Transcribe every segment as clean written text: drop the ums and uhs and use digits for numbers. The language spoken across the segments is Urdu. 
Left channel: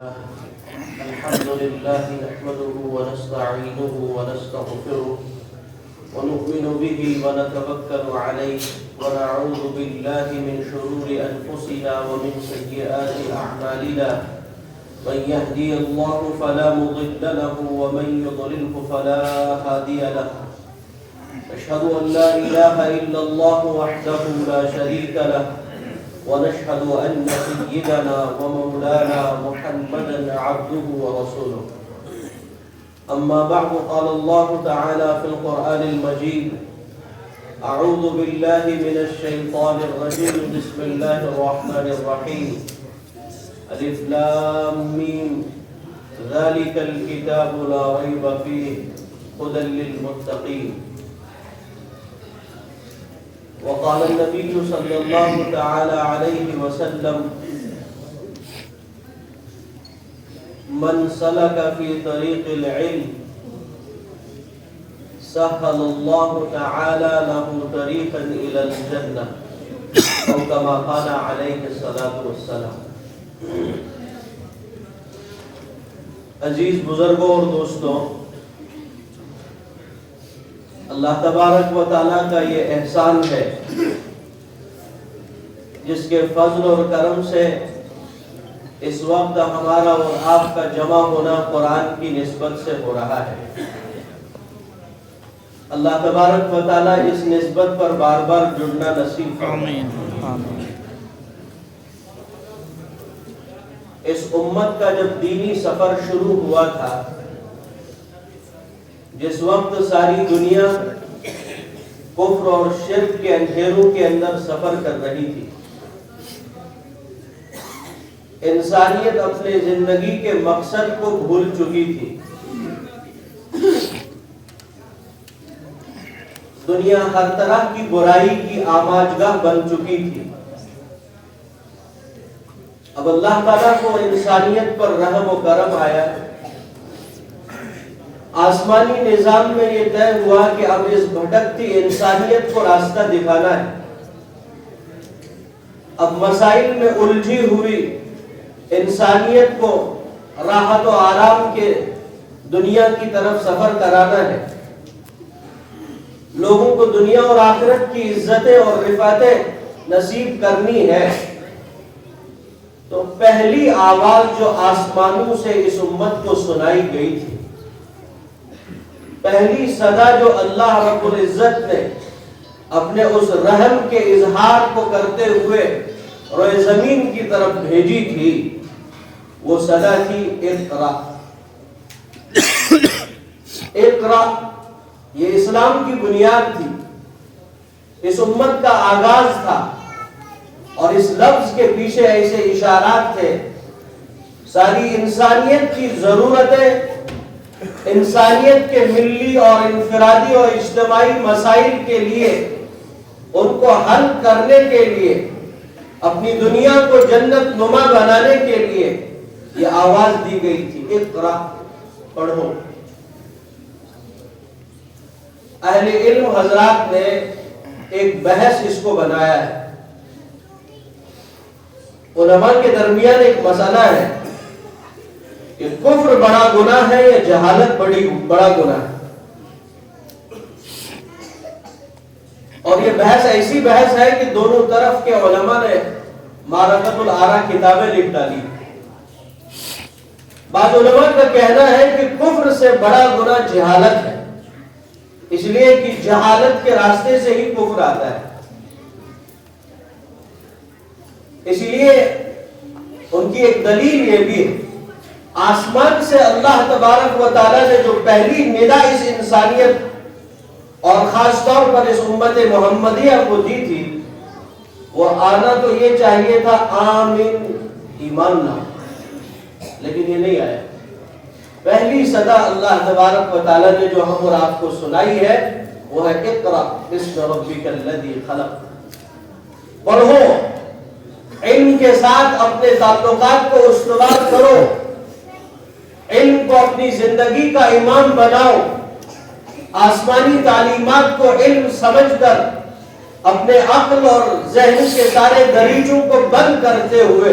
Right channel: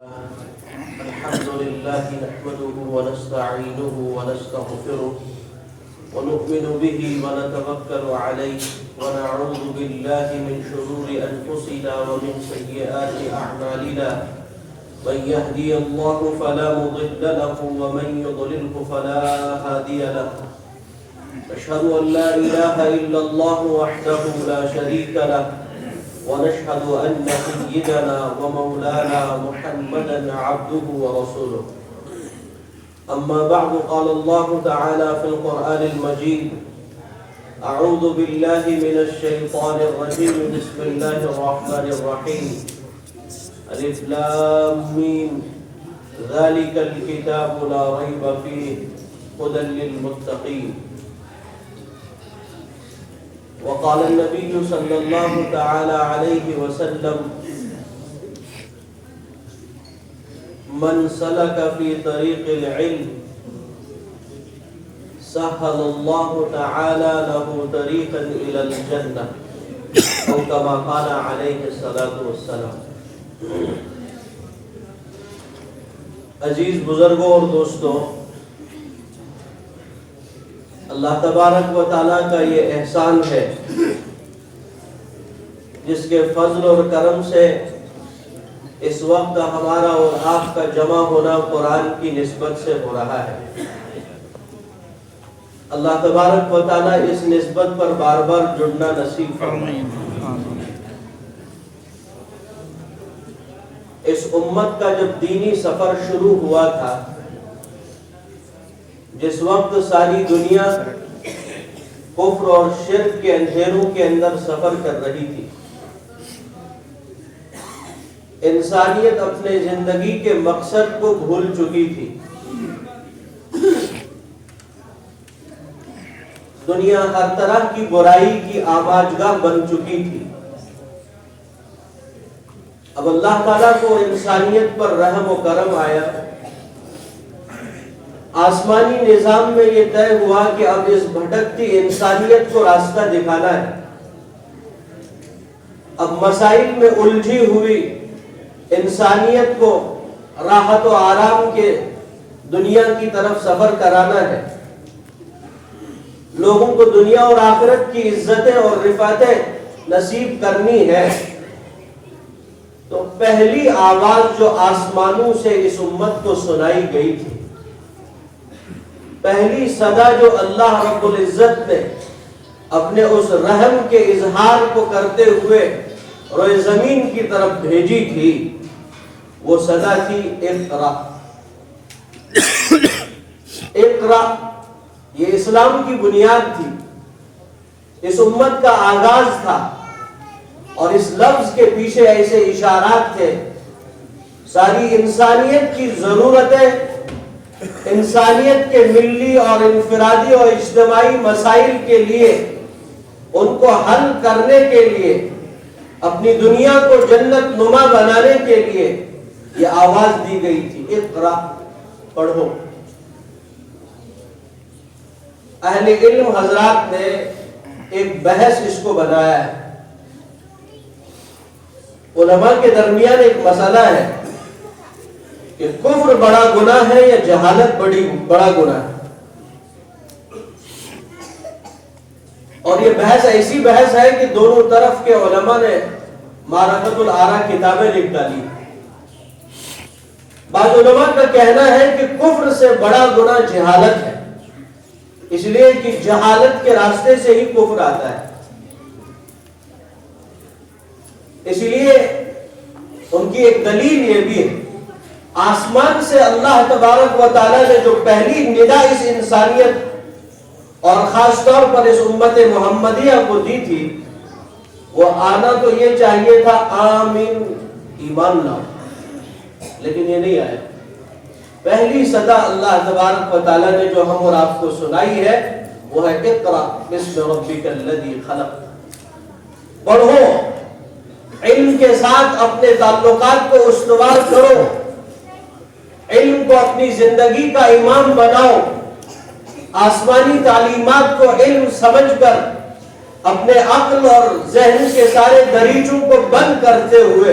الحمد لله نحمده ونستعينه ونستغفره ونؤمن به ونتوكل عليه ونعوذ بالله من شرور أنفسنا ومن سيئات أعمالنا من يهدي الله فلا مضل له ومن يضلله فلا هادي له أشهد أن لا إله إلا الله وحده لا شريك له ونشهد أن سيدنا ومولانا محمدا عبده ورسوله أما بعد قال الله تعالى في القرآن المجيد أعوذ بالله من الشيطان الرجيم بسم الله الرحمن الرحيم ألف لام ميم ذلك الكتاب لا ريب فيه هدى للمتقين وقال النبي صلى الله تعالى عليه وسلم من سلك في طريق العلم سهل الله تعالى له طريقا إلى الجنة أو كما قال عليه الصلاة والسلام. عزیز بزرگوں اور دوستوں، اللہ تبارک و تعالیٰ کا یہ احسان ہے جس کے فضل اور کرم سے اس وقت ہمارا اور آپ کا جمع ہونا قرآن کی نسبت سے ہو رہا ہے. اللہ تبارک و تعالیٰ اس نسبت پر بار بار جڑنا نصیب فرمائے. اس امت کا جب دینی سفر شروع ہوا تھا، جس وقت ساری دنیا کفر اور شرک کے اندھیروں کے اندر سفر کر رہی تھی، انسانیت اپنے زندگی کے مقصد کو بھول چکی تھی، دنیا ہر طرح کی برائی کی آماجگاہ بن چکی تھی. اب اللہ تعالیٰ کو انسانیت پر رحم و کرم آیا. آسمانی نظام میں یہ طے ہوا کہ اب اس بھٹکتی انسانیت کو راستہ دکھانا ہے. اب مسائل میں الجھی ہوئی انسانیت کو راحت و آرام کے دنیا کی طرف سفر کرانا ہے. لوگوں کو دنیا اور آخرت کی عزتیں اور رفعتیں نصیب کرنی ہے. تو پہلی آواز جو آسمانوں سے اس امت کو سنائی گئی تھی، پہلی صدا جو اللہ رب العزت نے اپنے اس رحم کے اظہار کو کرتے ہوئے روئے زمین کی طرف بھیجی تھی، وہ صدا تھی اقرا. اقرا یہ اسلام کی بنیاد تھی، اس امت کا آغاز تھا، اور اس لفظ کے پیچھے ایسے اشارات تھے. ساری انسانیت کی ضرورتیں، انسانیت کے ملی اور انفرادی اور اجتماعی مسائل کے لیے، ان کو حل کرنے کے لیے، اپنی دنیا کو جنت نما بنانے کے لیے یہ آواز دی گئی تھی، اقرا، پڑھو. اہل علم حضرات نے ایک بحث اس کو بنایا ہے. علماء کے درمیان ایک مسئلہ ہے کہ کفر بڑا گناہ ہے یا جہالت بڑا گناہ ہے. اور یہ بحث ایسی بحث ہے کہ دونوں طرف کے علماء نے معرفت الآراء کتابیں لکھ ڈالی. بعض علماء کا کہنا ہے کہ کفر سے بڑا گناہ جہالت ہے، اس لیے کہ جہالت کے راستے سے ہی کفر آتا ہے. اس لیے ان کی ایک دلیل یہ بھی ہے، آسمان سے اللہ تبارک و تعالی نے جو پہلی ندا اس انسانیت اور خاص طور پر اس امت محمدیہ کو دی تھی، وہ آنا تو یہ چاہیے تھا آمین، ایمان لاؤ، لیکن یہ نہیں آیا. پہلی صدا اللہ تبارک و تعالی نے جو ہم اور آپ کو سنائی ہے وہ ہے اقرا بسم ربک الذی خلق. پڑھو، علم کے ساتھ اپنے تعلقات کو استوار کرو، علم کو اپنی زندگی کا امام بناؤ. آسمانی تعلیمات کو علم سمجھ کر اپنے عقل اور ذہن کے سارے دریچوں کو بند کرتے ہوئے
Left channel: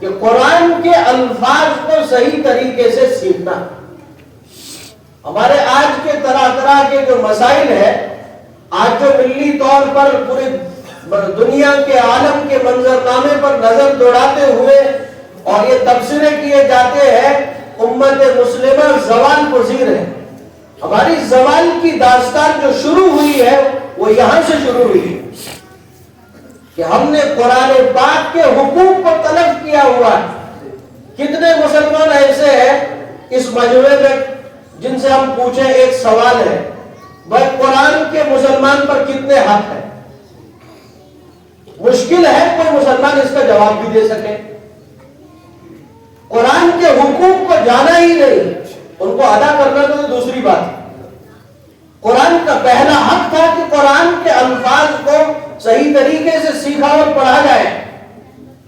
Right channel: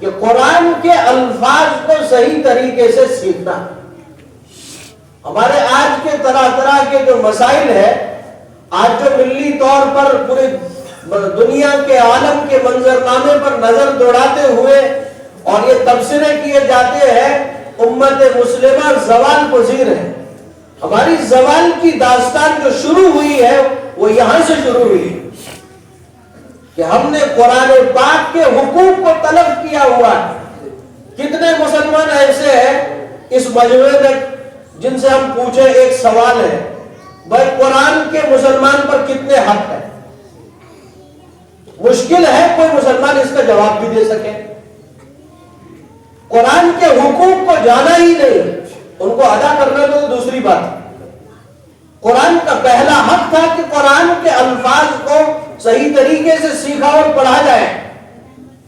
کہ قرآن کے الفاظ کو صحیح طریقے سے سیکھنا. ہمارے آج کے طرح طرح کے جو مسائل ہیں، آج جو ملی طور پر پورے دنیا کے عالم کے منظرنامے پر نظر دوڑاتے ہوئے اور یہ تبصرے کیے جاتے ہیں امت مسلمہ زوال پذیر ہے. ہماری زوال کی داستان جو شروع ہوئی ہے وہ یہاں سے شروع ہوئی کہ ہم نے قرآن پاک کے حقوق کو طلب کیا ہوا ہے. کتنے مسلمان ایسے ہیں اس مجموعے میں جن سے ہم پوچھیں ایک سوال ہے، بھائی قرآن کے مسلمان پر کتنے حق ہیں؟ مشکل ہے کوئی مسلمان اس کا جواب بھی دے سکے. قرآن کے حقوق کو جانا ہی نہیں، ان کو ادا کرنا تو دوسری بات ہے. قرآن کا پہلا حق تھا کہ قرآن کے الفاظ کو صحیح طریقے سے سیکھا اور پڑھا جائے،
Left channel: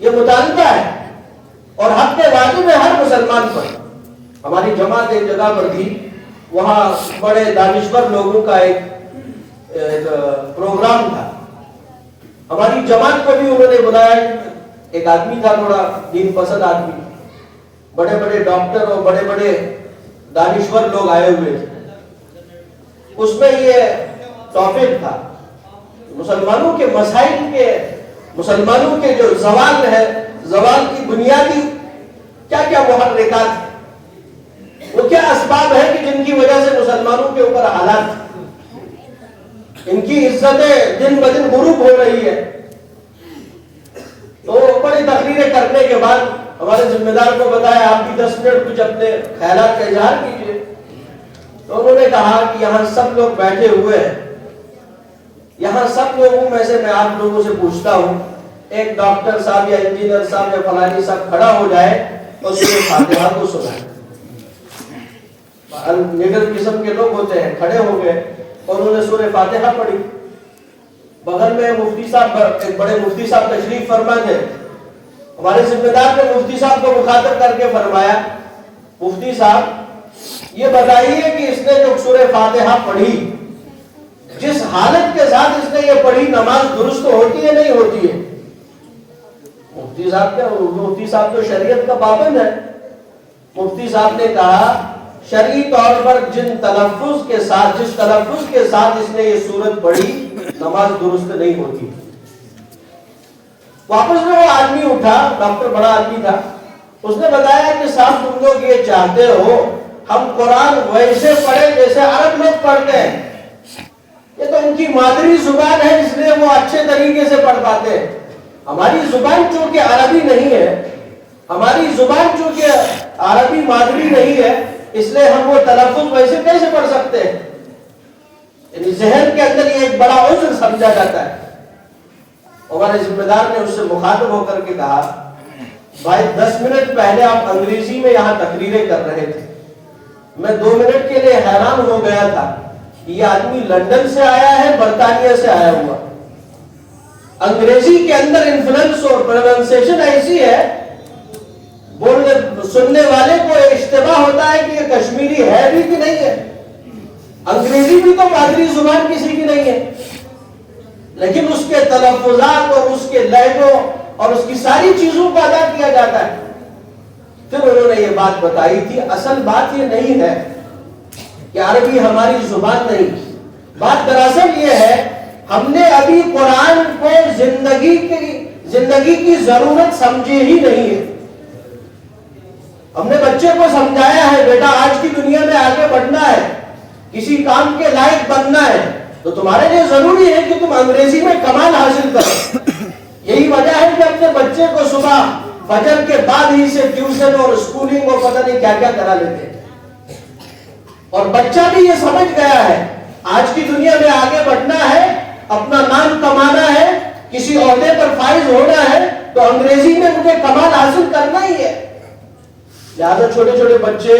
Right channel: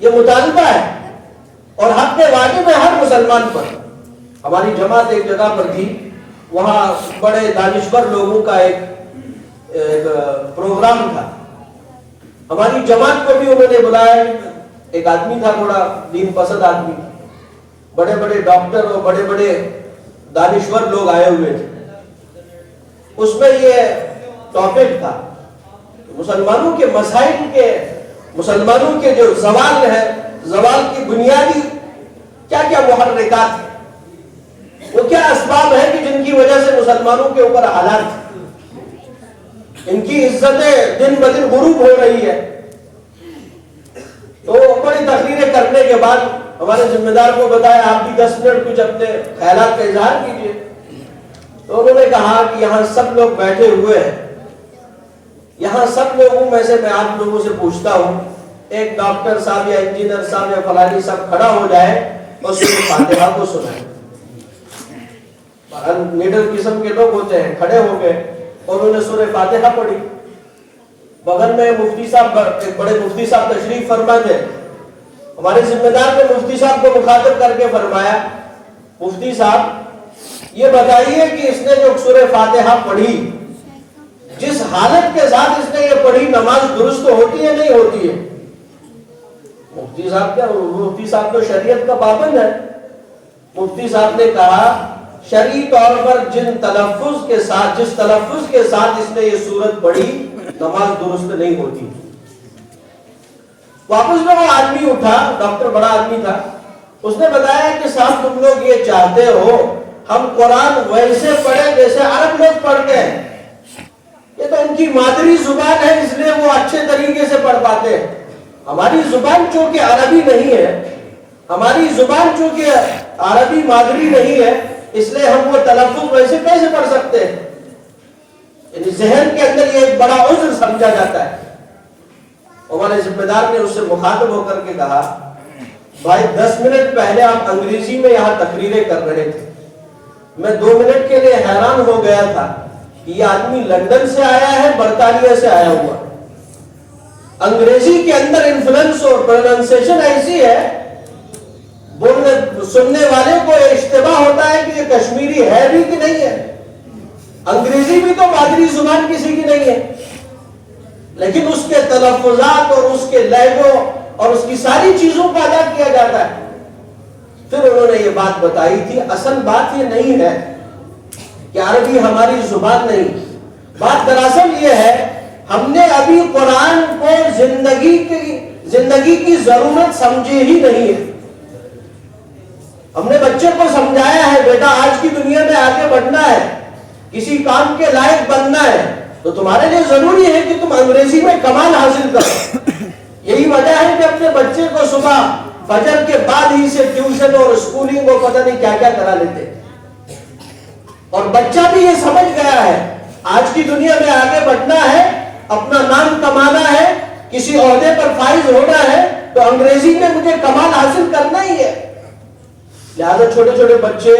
یہ مطالبہ ہے اور حق واجب ہے ہر مسلمان پر. ہماری جماعت ایک جگہ پر تھی، وہاں بڑے دانشور لوگوں کا ایک پروگرام تھا. ہماری جماعت کو بھی انہوں نے بلایا. ایک آدمی تھا تھوڑا دین پسند آدمی، بڑے بڑے ڈاکٹر اور بڑے بڑے دانشور لوگ آئے ہوئے تھے. اس میں یہ ٹاپک تھا مسلمانوں کے مسائل کے، مسلمانوں کے جو زوال ہے، زوال کی بنیادی کیا کیا محرکات ہیں، وہ کیا اسباب ہیں کہ جن کی وجہ سے مسلمانوں کے اوپر حالات ان کی عزتیں دن بدن غروب ہو رہی ہے. تو بڑی تقریریں کرنے کے بعد ہمارے ذمہ دار کو بتایا آپ بھی 10 منٹ کچھ اپنے خیالات کا اظہار کیجیے. تو انہوں نے کہا کہ یہاں سب لوگ بیٹھے ہوئے ہیں، یہاں سب لوگوں میں سے میں آپ لوگوں سے پوچھتا ہوں، ایک ڈاکٹر صاحب یا انجینئر صاحب یا فلانی صاحب کھڑا ہو جائے اور سورہ فاتحہ کو سنائے. نڈل قسم کے لوگ ہوتے ہیں، کھڑے ہو گئے اور انہوں نے سورہ فاتحہ پڑھی. بغل میں مفتی صاحب، ایک بڑے مفتی صاحب تشریف فرما تھے. ہمارے ذمہ دار نے مفتی صاحب کو مخاطب کر کے فرمایا، مفتی صاحب یہ بتائیے کہ اس نے جو سورہ فاتحہ پڑھی، جس حالت کے ساتھ اس نے یہ پڑھی، نماز درست ہوتی ہے نہیں ہوتی ہے؟ مفتی صاحب تو شریعت کا پابند ہے. مفتی صاحب نے کہا شرعی طور پر جس تلفظ کے ساتھ اس نے یہ سورت پڑھی، نماز درست نہیں ہوتی. واپس میں وہ آدمی اٹھا، ڈاکٹر بڑا آدمی تھا، اس نے بتایا کہ صاحب تم لوگ یہ چاہتے ہو ہم قرآن ویسے پڑھیں جیسے عرب لوگ پڑھتے ہیں. یہ تو ان کی مادری زبان ہے اس لیے وہ اچھے طریقے سے پڑھ پاتے ہیں. ہماری زبان چونکہ عربی نہیں ہے، ہماری زبان چونکہ عربی مادری نہیں ہے، اس لیے ہم وہ تلفظ ویسے کیسے پڑھ سکتے ہیں؟ یعنی ذہن کے اندر یہ ایک بڑا عذر سمجھا جاتا ہے. ہمارے ذمہ دار نے اس سے مخاطب ہو کر کے کہا بھائی 10 منٹ پہلے آپ انگریزی میں یہاں تقریریں کر رہے تھے، میں 2 منٹ کے لیے حیران ہو گیا تھا کہ یہ آدمی لندن سے آیا ہے برطانیہ سے آیا ہوا. انگریزی کے اندر انفلوئنس اور پروننسیشن ایسی ہے، بولنے سننے والے کو اشتباہ ہوتا ہے کہ یہ کشمیری ہے بھی کہ نہیں ہے. انگریزی بھی تو مادری زبان کسی کی نہیں ہے، لیکن اس کے تلفظات اور اس کے لہجوں اور اس کی ساری چیزوں کو ادا کیا جاتا ہے. پھر انہوں نے یہ بات بتائی تھی، اصل بات یہ نہیں ہے کہ عربی ہماری زبان نہیں، بات دراصل یہ ہے ہم نے ابھی قرآن کو زندگی کی ضرورت سمجھے ہی نہیں ہے. ہم نے بچے کو سمجھایا ہے بیٹا آج کی دنیا میں آگے بڑھنا ہے، کسی کام کے لائق بننا ہے، تو تمہارے لیے ضروری ہے کہ تم انگریزی میں کمال حاصل کرو. یہی وجہ ہے کہ اپنے بچے کو صبح فجر کے بعد ہی سے ٹیوشن اور اسکولنگ اور پتہ نہیں کیا کیا کرا لیتے ہیں. اور بچہ بھی یہ سمجھ گیا ہے آج کی دنیا میں آگے بڑھنا ہے، اپنا نام کمانا ہے، کسی عہدے پر فائز ہونا ہے، تو انگریزی میں مجھے کمال حاصل کرنا ہی ہے. لہٰذا چھوٹے چھوٹے بچے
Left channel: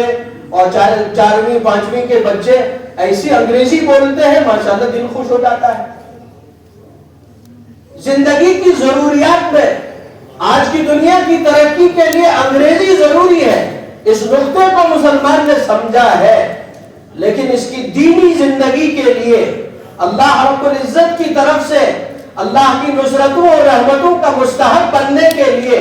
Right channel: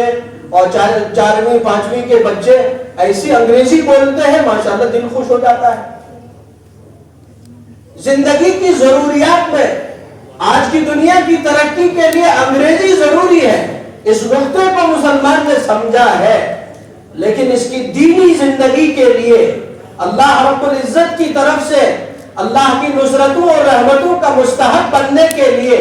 اور 4ویں 5ویں کے بچے ایسی انگریزی بولتے ہیں ماشاءاللہ دل خوش ہو جاتا ہے. زندگی کی ضروریات میں آج کی دنیا کی ترقی کے لیے انگریزی ضروری ہے، اس نقطے کو مسلمان نے سمجھا ہے. لیکن اس کی دینی زندگی کے لیے اللہ رب العزت کی طرف سے اللہ کی نصرتوں اور رحمتوں کا مستحق بننے کے لیے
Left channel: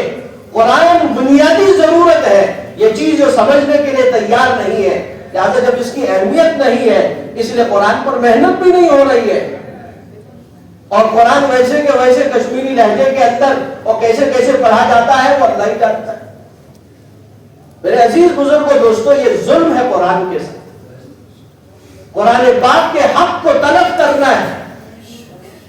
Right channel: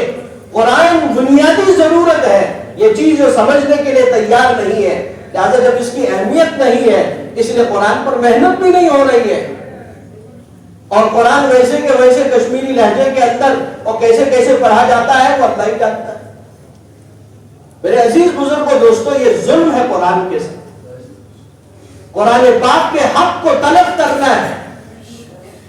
قرآن بنیادی ضرورت ہے، یہ چیز جو سمجھنے کے لیے تیار نہیں ہے، لہٰذا جب اس کی اہمیت نہیں ہے اس لیے قرآن پر محنت بھی نہیں ہو رہی ہے، اور قرآن ویسے کہ ویسے کشمیری لہجے کے اندر اور کیسے کیسے پڑھا جاتا ہے وہ اللہ ہی جانتا ہے۔ میرے عزیز بزرگوں دوستوں، یہ ظلم ہے قرآن کے ساتھ۔ قرآن پاک کے حق کو طلب کرنا ہے،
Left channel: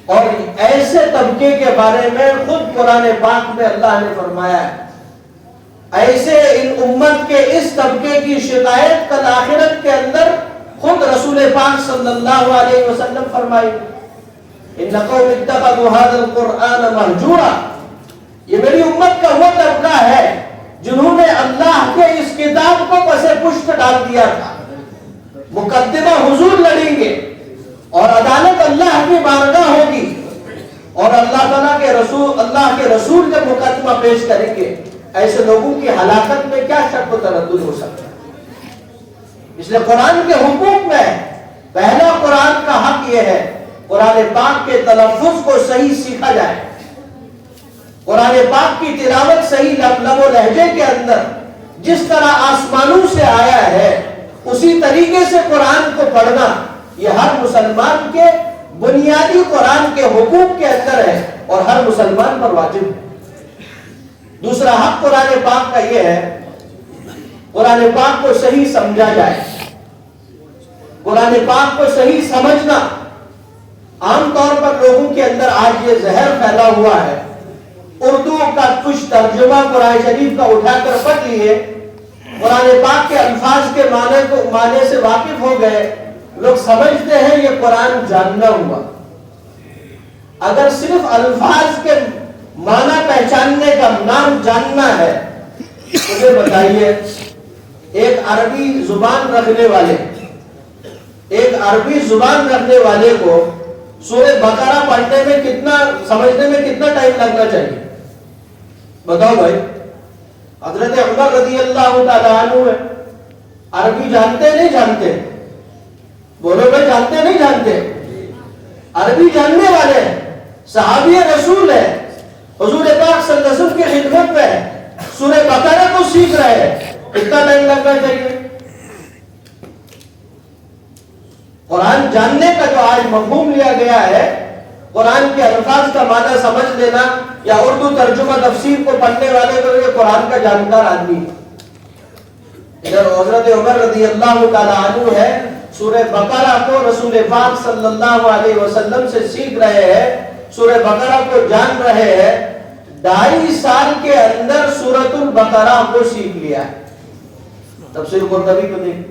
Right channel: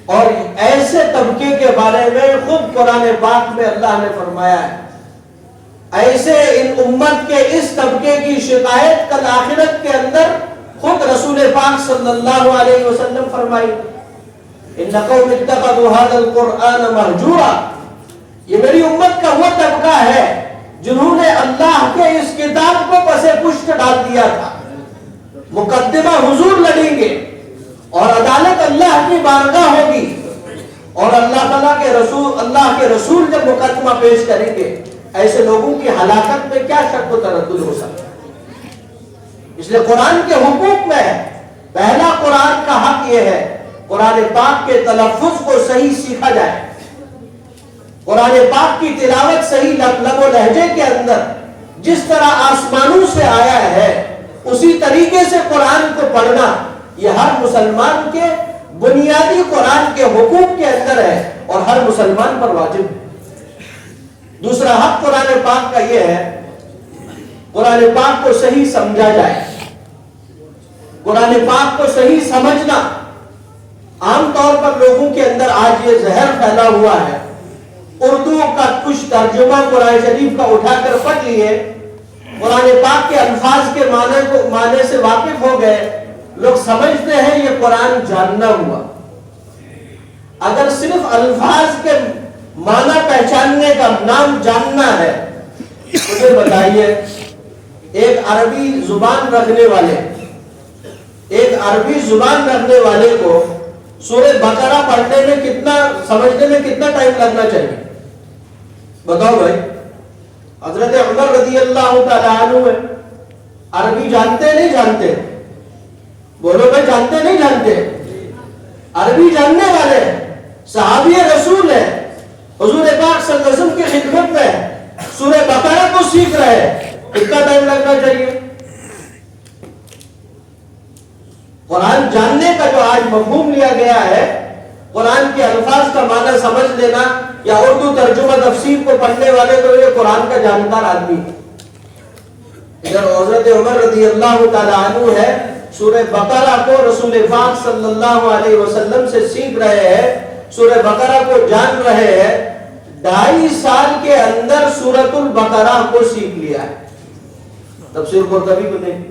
اور ایسے طبقے کے بارے میں خود قرآن پاک میں اللہ نے فرمایا ہے، ایسے ان امت کے اس طبقے کی شکایت کل آخرت کے اندر خود رسول پاک صلی اللہ علیہ وسلم فرمائی، ان قوم اتخذوا هذا القرآن مہجورا، یہ میری امت کا وہ طبقہ ہے جنہوں نے اللہ کے اس کتاب کو پس پشت ڈال دیا تھا۔ مقدمہ حضور لڑیں گے اور عدالت اللہ کی بارگاہ ہوگی، اور اللہ کے رسول جب مقدمہ پیش کریں گے، ایسے لوگوں کی ہلاکت میں کیا شک و تردد ہو سکتا ہے؟ اس لیے قرآن کے حقوق میں پہلا قرآن کا حق یہ ہے قرآن پاک کے تلفظ کو صحیح سیکھا جائے، قرآن پاک کی تلاوت صحیح لب و لہجے کے اندر جس طرح آسمانوں سے آیا ہے اسی طریقے سے قرآن کو پڑھنا، یہ ہر مسلمان کے بنیادی قرآن کے حقوق کے اندر ہے اور ہر مسلمان پر واجب ہے۔ دوسرا حق قرآن پاک کا یہ ہے قرآن پاک کو صحیح سمجھا جائے، قرآن پاک کو صحیح سمجھنا۔ عام طور پر لوگوں کے اندر آج یہ زہر پھیلا ہوا ہے، اردو کا کچھ ترجمہ قرآن شریف کا اٹھا کر پڑھ لیے، قرآن پاک کے الفاظ کے معنی سے واقف ہو گئے، لوگ سمجھتے ہیں یہ قرآن جاننا ہوا۔ اگر صرف الفاظ کے معنی پہچاننے کا نام جاننا ہے، مجھے بتائیے ایک عربی زبان رکھنے والے کو سورہ بقرہ پڑھنے میں سمجھنے میں کتنا ٹائم لگنا چاہیے؟ بتاؤ بھائی۔ حضرت عمر رضی اللہ تعالیٰ عنہ ہے، عربی جانتے نہیں جانتے؟ بولو بھائی، جانتے نہیں جانتے؟ عربی جاننے والے ہیں، صحابی رسول ہے، حضور پاک صلی اللہ علیہ وسلم کی خدمت میں سورہ بقرہ کو سیکھ رہے ہیں، کتنا ٹائم لگنا چاہیے؟ قرآن جاننے کا جو آج مفہوم لیا گیا ہے، قرآن کے الفاظ کا معنی سمجھ لینا، یا اردو ترجمہ تفسیر کو پڑھنے والے تو یہ قرآن کا جانکار آدمی ہے۔ ادھر حضرت عمر رضی اللہ تعالیٰ عنہ ہے، سورہ بقرہ کو رسول پاک صلی اللہ علیہ وسلم سے سیکھ رہے ہیں، سورہ بقرہ کو جان رہے ہیں، 2.5 سال کے اندر سورۃ البقرہ کو سیکھ لیا ہے۔ تفسیر قرطبی کو نہیں،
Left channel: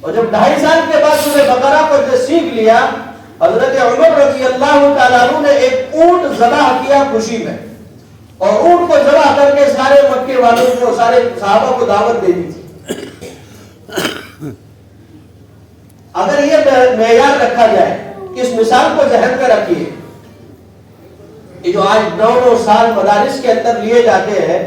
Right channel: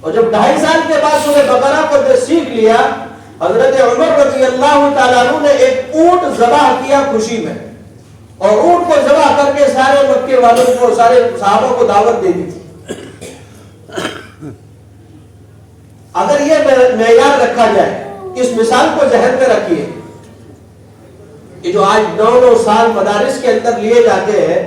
اور جب 2.5 سال کے بعد سورہ بقرہ کو سیکھ لیا، حضرت عمر رضی اللہ تعالیٰ عنہ نے ایک اونٹ ذبح کیا خوشی میں، اور اونٹ کو ذبح کر کے سارے مکے والوں کو، سارے صحابہ کو دعوت دے دی تھی۔ اگر یہ معیار رکھا جائے، اس مثال کو ذہن میں رکھیے، یہ جو آج 9 سال مدارس کے اندر لیے جاتے ہیں،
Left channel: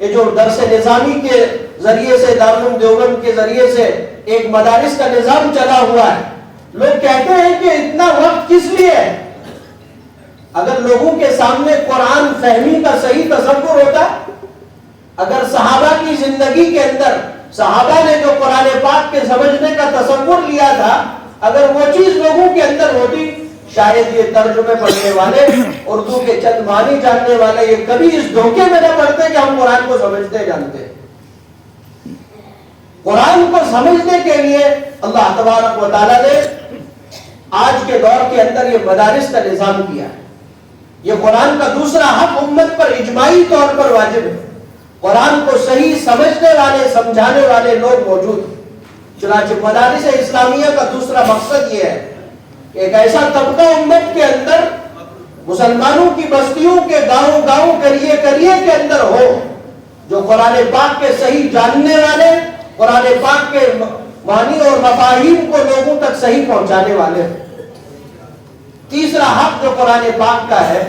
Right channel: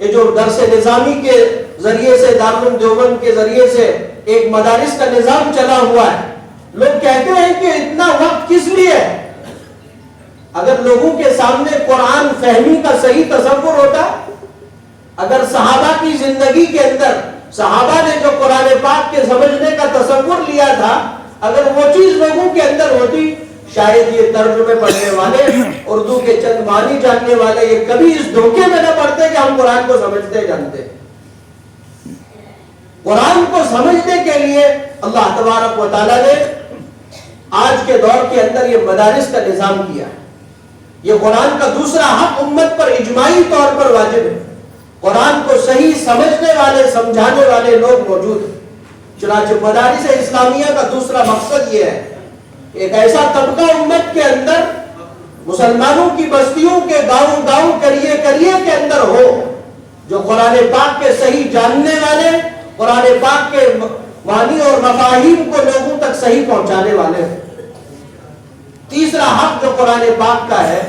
یہ جو درس نظامی کے ذریعے سے، دارالعلوم دیوبند کے ذریعے سے ایک مدارس کا نظام چلا ہوا ہے، لوگ کہتے ہیں کہ اتنا وقت کس لیے؟ اگر لوگوں کے سامنے قرآن فہمی کا صحیح تصور ہوتا، اگر صحابہ کی زندگی کے اندر صحابہ نے جو قرآن پاک کے سمجھنے کا تصور لیا تھا، اگر وہ چیز لوگوں کے اندر ہوتی، شاید یہ ترجمے پڑھنے والے، اردو کے چند معنی جاننے والے یہ کبھی اس دھوکے میں نہ پڑتے کہ ہم قرآن کو سمجھتے جانتے۔ قرآن کو سمجھنے کے لیے اللہ تبارک و تعالیٰ نے آج کے دور کے اندر یہ مدارس کا نظام کیا ہے۔ یہ قرآن کا دوسرا حق امت پر اجماعی طور پر واجب ہے، قرآن کو صحیح سمجھنے والے، سمجھانے والے لوگ موجود ہیں۔ چنانچہ مدارس اسلامیہ کا دوسرا مقصد یہ ہے کہ ایک ایسا طبقہ امت کے اندر، مسلمانوں کی بستیوں کے گاؤں کریے کے اندر ہو، جو قرآن پاک کے صحیح جاننے والے، قرآن پاک کے معنی اور مفاہیم کو لوگوں تک صحیح پہنچانے والے ہیں۔ تیسرا حق جو قرآن پاک کا ہے،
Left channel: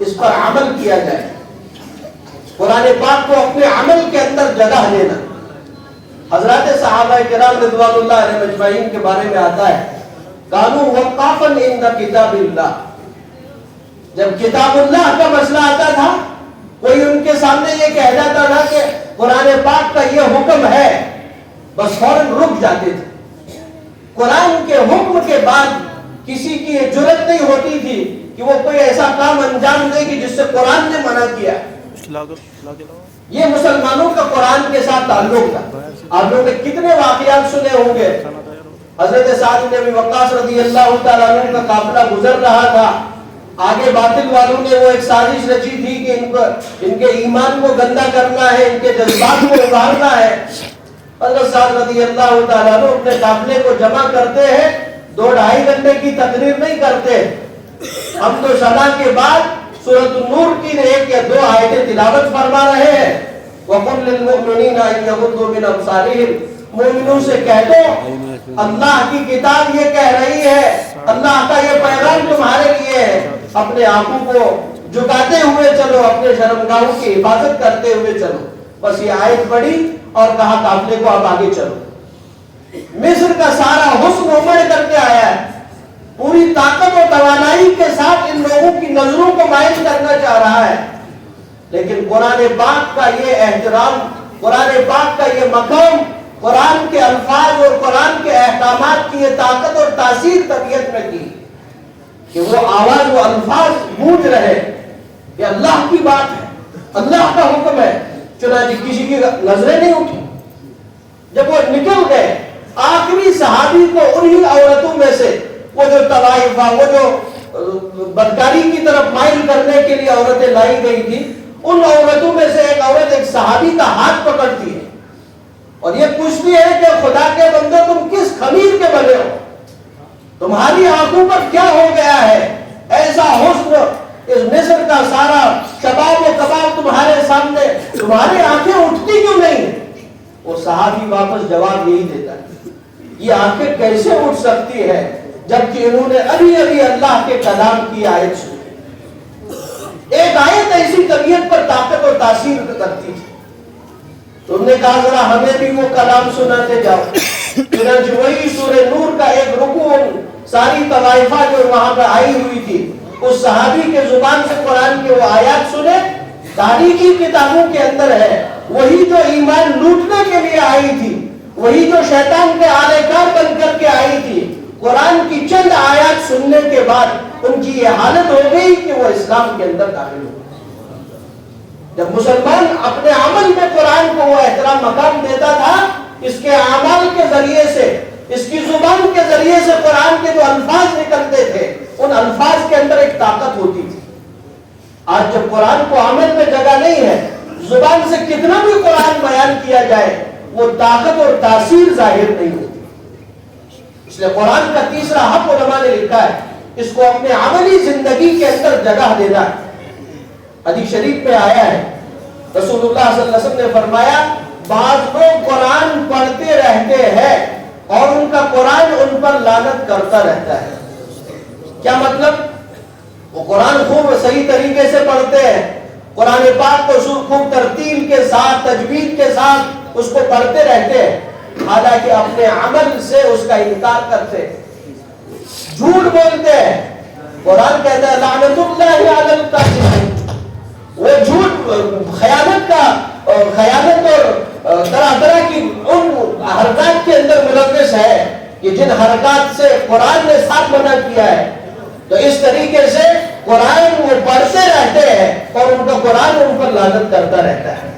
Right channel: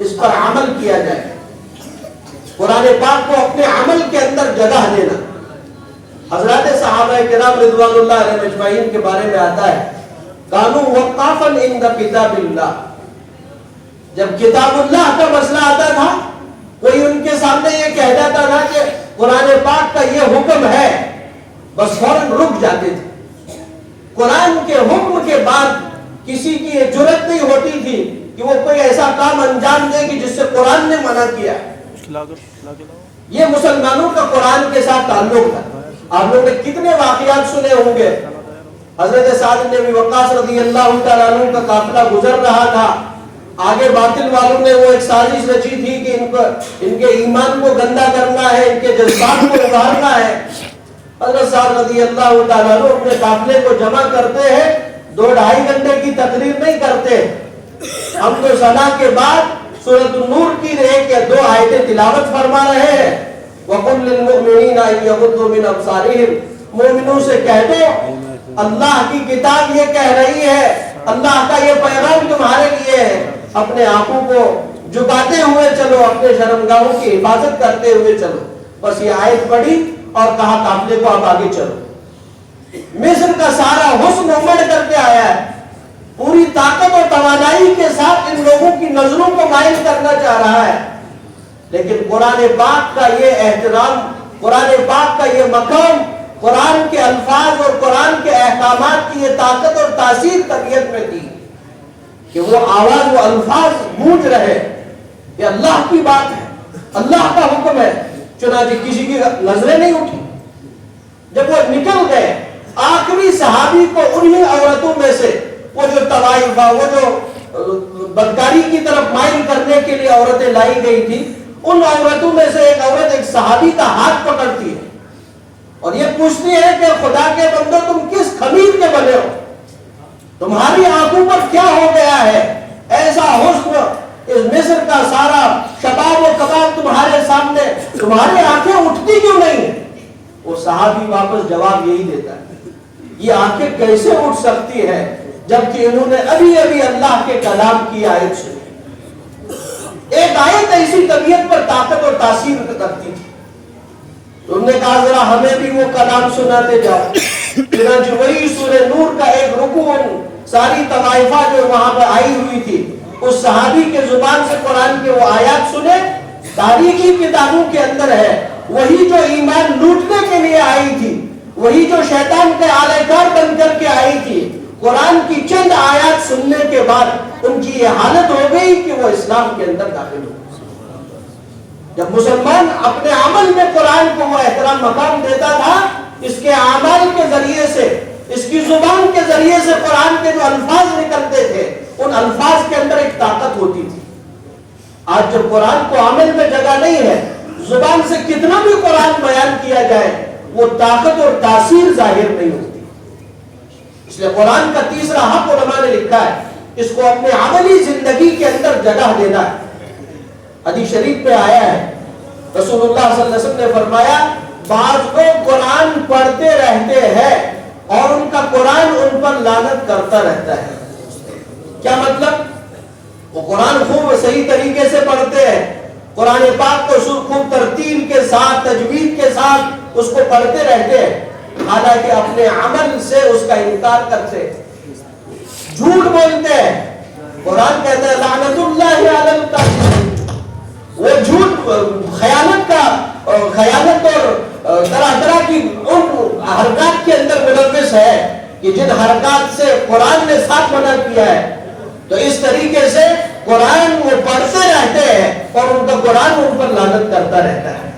اس پر عمل کیا جائے، قرآن پاک کو اپنے عمل کے اندر جگہ دینا۔ حضرات صحابہ کرام رضوان اللہ علیہ مجمعین کے بارے میں آتا ہے، کانوا وقافا عند کتاب اللہ، جب کتاب اللہ کا مسئلہ آتا تھا کوئی ان کے سامنے یہ کہہ جاتا تھا کہ قرآن پاک کا یہ حکم ہے، بس فوراً رک جاتے تھے۔ قرآن کے حکم کے بعد کسی کی یہ جرت نہیں ہوتی تھی کہ وہ کوئی ایسا کام انجام دے کہ جس سے قرآن نے منع کیا۔ یہ مسلمانوں کا قرآن کے ساتھ تعلق تھا۔ آپ لوگوں نے کتنے واقعات سنے ہوں گے، حضرت سعد بن ابی وقاص رضی اللہ تعالیٰ عنہ کا قافلہ گزر رہا تھا، آگے باطل والوں نے وہ ایک سازش رچی تھی کہ ان کے ایمان کو گندا کرنا ہے، ان کے جذبات کو ابھارنا ہے۔ حضرت سعد رضی اللہ تعالیٰ عنہ اپنے قافلے کو جمع کرتے ہیں، 2-2.5 گھنٹے کی تقریر نہیں کرتے، ہم تو صلاح کے بعد سورۃ النور کی 1 یا 2 آیتیں تلاوت فرما رہے ہیں۔ وَقُلْ لِلْمُؤْمِنِينَ أَن يَغُضُّوا مِنْ أَبْصَارِهِمْ، مومنوں سے کہہ دو اللہ کی کتاب یہ کہہ رہی ہے، اللہ کا یہ پیغام تمہارے لیے ہے، اپنے آنکھوں کو جھکاتے ہوئے چلو، اپنے شرمگاہوں کی حفاظت کرتے ہوئے چلو۔ بس یہ آیت پڑھی اور کہا قافلے کو اب آگے چلو۔ مصر کا سارا حسن امڑ کر کے آیا ہے، پوری طاقت اور توانائی کے ساتھ ان لوگوں کی نظروں کو مائل کرنا چاہ رہا ہے، لیکن قرآن پاک کا یہ احترام، قرآن پاک کا یہ مقام، قرآن کے الفاظ اور قرآن کے احکامات کی یہ طاقت اور تاثیر طبیعت میں تھی کہ وہ آواز، وہ الفاظ گونج رہے کہ اللہ کی بات ہے، اللہ کا حکم ہے۔ چنانچہ کسی کی نظریں نہیں اٹھی۔ جب وہ نکل گئے، آخری صحابی کو انہی عورتوں میں سے، وہ جو طوائفہ، وہ جو بدکاری کی طرف مائل کرنے کے لیے عورتیں لائی گئی تھی، ان عورتوں میں سے ایک عورت ایک صحابی کا ہاتھ پکڑتی ہے اور یہ پوچھتی ہے کہ خدا کے بندو تم کس خمیر کے بنے ہو، تمہاری آنکھوں پر کیا ہو گیا ہے، ایسا حسن، اس مصر کا سارا شباب و کباب تمہارے سامنے، تمہاری آنکھیں اٹھتی کیوں نہیں؟ وہ صحابی واپس جواب یہی دیتا ہے، یہ آنکھیں کیسے اٹھ سکتی ہے جبکہ انہوں نے ابھی ابھی اللہ کے کلام کی آیت سنی۔ ایک آیت ایسی طبیعت پر طاقت اور تاثیر کرتی تھی۔ تم نے کہا ذرا ہمیں بھی وہ کلام سناتے جاؤ۔ چنانچہ وہی سورہ نور کا ایک رکوع ساری طوائفہ جو وہاں پر آئی ہوئی تھی، اس صحابی کے زبان سے قرآن کے وہ آیات سنے۔ تاریخی کتابوں کے اندر ہے وہی جو ایمان لوٹنے کے لیے آئی تھی، وہی جو شیطان کے آلے کار بن کر کے آئی تھی، قرآن کی چند آیات سننے کے بعد ان کی یہ حالت ہو گئی کہ وہ اسلام کے اندر داخل ہو۔ جب مسلمان اپنے عمل میں قرآن کو وہ احترام مقام دیتا تھا، اس کے اعمال کے ذریعے سے، اس کی زبان کے ذریعے سے قرآن کے جو الفاظ نکلتے تھے، ان الفاظ کے اندر ایک طاقت ہوتی تھی۔ آج جب قرآن کو عمل میں جگہ نہیں ہے، زبان سے کتنا بھی قرآن بیان کیا جائے، وہ طاقت اور تاثیر ظاہر نہیں ہوتی۔ اس لیے قرآن کا تیسرا حق علماء نے لکھا ہے، اس کو اپنے عملی زندگی کے اندر جگہ دینا ہے۔ حدیث شریف میں آیا ہے، رسول اللہ صلی اللہ علیہ وسلم نے فرمایا، بعض لوگ قرآن پڑھتے رہتے ہیں اور ان کا قرآن ان پر لعنت کرتا رہتا ہے۔ کیا مطلب؟ وہ قرآن خوب صحیح طریقے سے پڑھتے ہیں، قرآن پاک کو خوب ترتیل کے ساتھ، تجوید کے ساتھ اس کو پڑھتے رہتے ہیں، حالانکہ اپنے عمل سے اس کا انکار کرتے ہیں، جھوٹ بولتے ہیں۔ قرآن کہتا ہے لعنت اللہ علی الکاذبین، وہ جھوٹ، خیانت اور طرح طرح کی ان حرکات کے اندر ملوث ہے کہ جن حرکات سے قرآن نے صاف منع کیا ہے۔ تو اس طریقے سے قرآن وہ پڑھتے رہتے ہیں اور ان کا قرآن ان پر لعنت کرتا رہتا ہے۔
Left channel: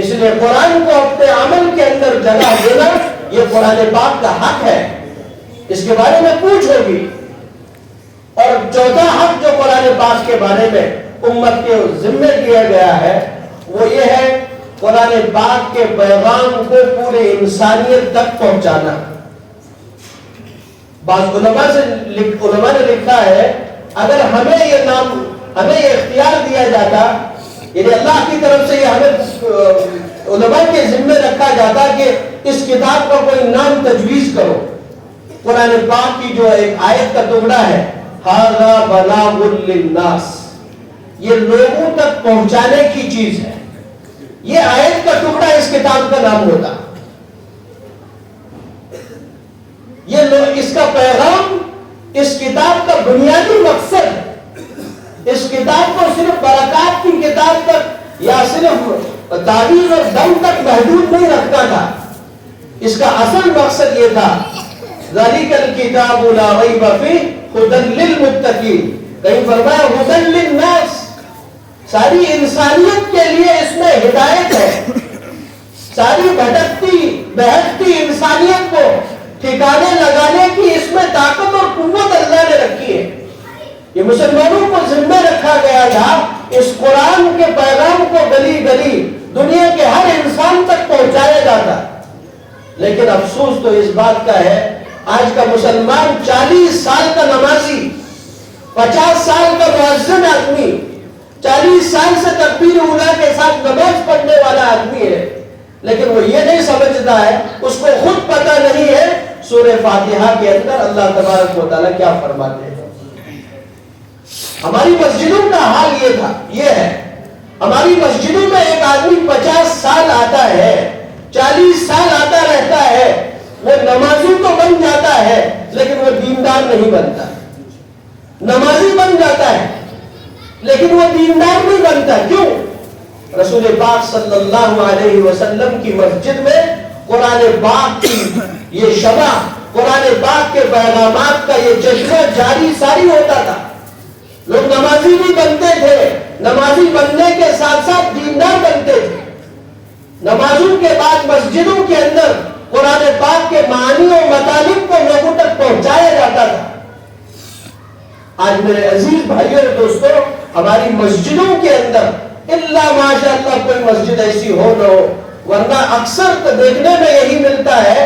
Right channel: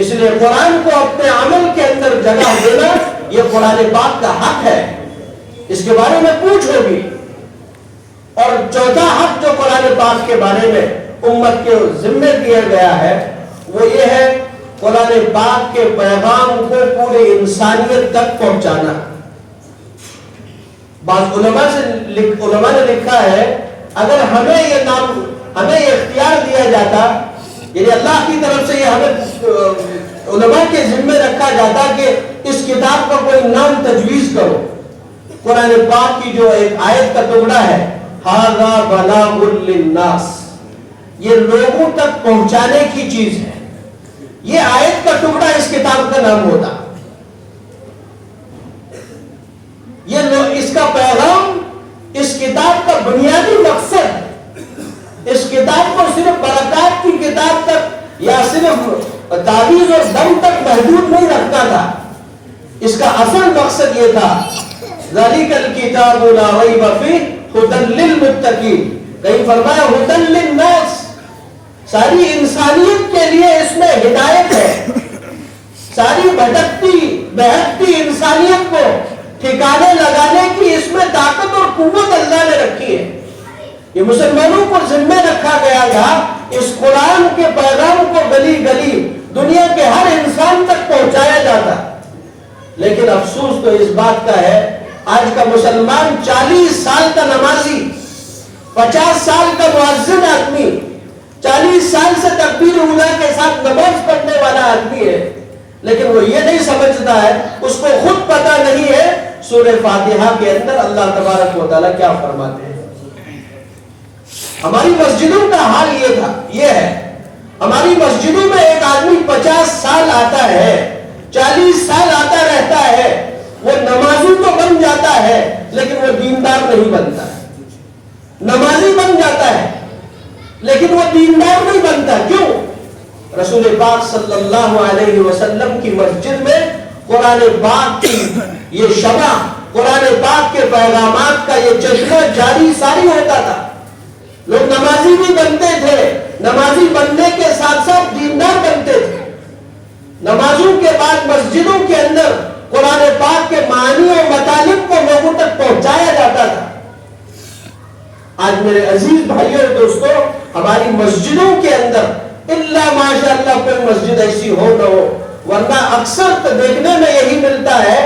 اس لیے قرآن کو اپنے عمل کے اندر جگہ دینا یہ قرآن پاک کا حق ہے، اس کے بارے میں پوچھو گی۔ اور چوتھا حق جو قرآن پاک کے بارے میں امت کے ذمہ دیا گیا ہے وہ یہ ہے قرآن پاک کے پیغام کو پورے انسانیت تک پہنچانا۔ بعض علماء نے لکھا ہے اگر ہمیں یہ اختیار دیا جاتا، یعنی اللہ کی طرف سے یہ ہمیں علماء کے ذمہ رکھا جاتا کہ اس کتاب کا کوئی نام تجویز کرو، قرآن پاک کی جو ایک آیت کا ٹکڑا ہے ھذا بلاغ للناس، یہ لوگوں تک پہنچانے کی چیز ہے، یہ آیت کا ٹکڑا اس کتاب کا نام ہوتا۔ اس کا پیغام، اس کتاب کا بنیادی مقصد، اس کتاب کو صرف برکات کی کتاب کتاب تک یا صرف تعویذ اور دم تک محدود نہیں رکھتا تھا. اس کا اصل مقصد یہ تھا ذَلِكَ الْكِتَابُ لَا رَيْبَ فِيهِ هُدًى لِّلْمُتَّقِينَ. کہیں فرمایا هُدًى لِّلنَّاسِ، ساری انسانیت کے لیے اس میں ہدایت ہے. ساری بہکتی انسانیت کو ٹھکانے لگانے کی اس میں طاقت اور قوت اللہ نے رکھی ہے. یہ مسلمانوں کو ذمہ رکھا گیا تھا اس قرآن کے پیغام کو گلی گلی دنیا کے ہر انسان تک پہنچایا جاتا. لیکن افسوس تو اس بات کا ہے آج کا مسلمان 40 سال کا نمازی، 50 سال کا مؤذن آدمی، 40 سال سے تکبیر اولیٰ کے ساتھ نماز پڑھنے والا آدمی ہے، لیکن وہ یہ نہیں سمجھتا ہے، اس کو خود پتہ نہیں ہے سورہ فاتحہ کے اندر اللہ تبارک و تعالیٰ کیا فرماتے ہیں. ہماری مسجدوں کا حال یہ ہے. ہماری مسجدوں میں ایک آدمی 50 سال آتا ہے، 40 سال آتا رہتا ہے، وہ نمازی تو بن جاتا ہے لیکن وہ دیندار نہیں بنتا. نمازی بن جاتا ہے لیکن وہ دیندار نہیں بنتا. کیوں؟ رسول پاک صلی اللہ علیہ وسلم کی مسجد میں قرآن پاک کی یہ شمع، قرآن پاک کے پیغامات کا یہ چشمہ جاری ساری ہوتا تھا. لوگ نمازی بھی بنتے تھے، نمازی بننے کے ساتھ ساتھ دیندار بنتے تھے. نمازوں کے بعد مسجدوں کے اندر قرآن پاک کے معانی و مطالب کو لوگوں تک پہنچایا جاتا تھا. آج میرے عزیز بھائیوں اور دوستوں، ہماری مسجدوں کے اندر اللہ ماشاءاللہ کوئی مسجد ایسی ہو نہ ہو، ورنہ اکثر تو دیکھنے میں یہی ملتا ہے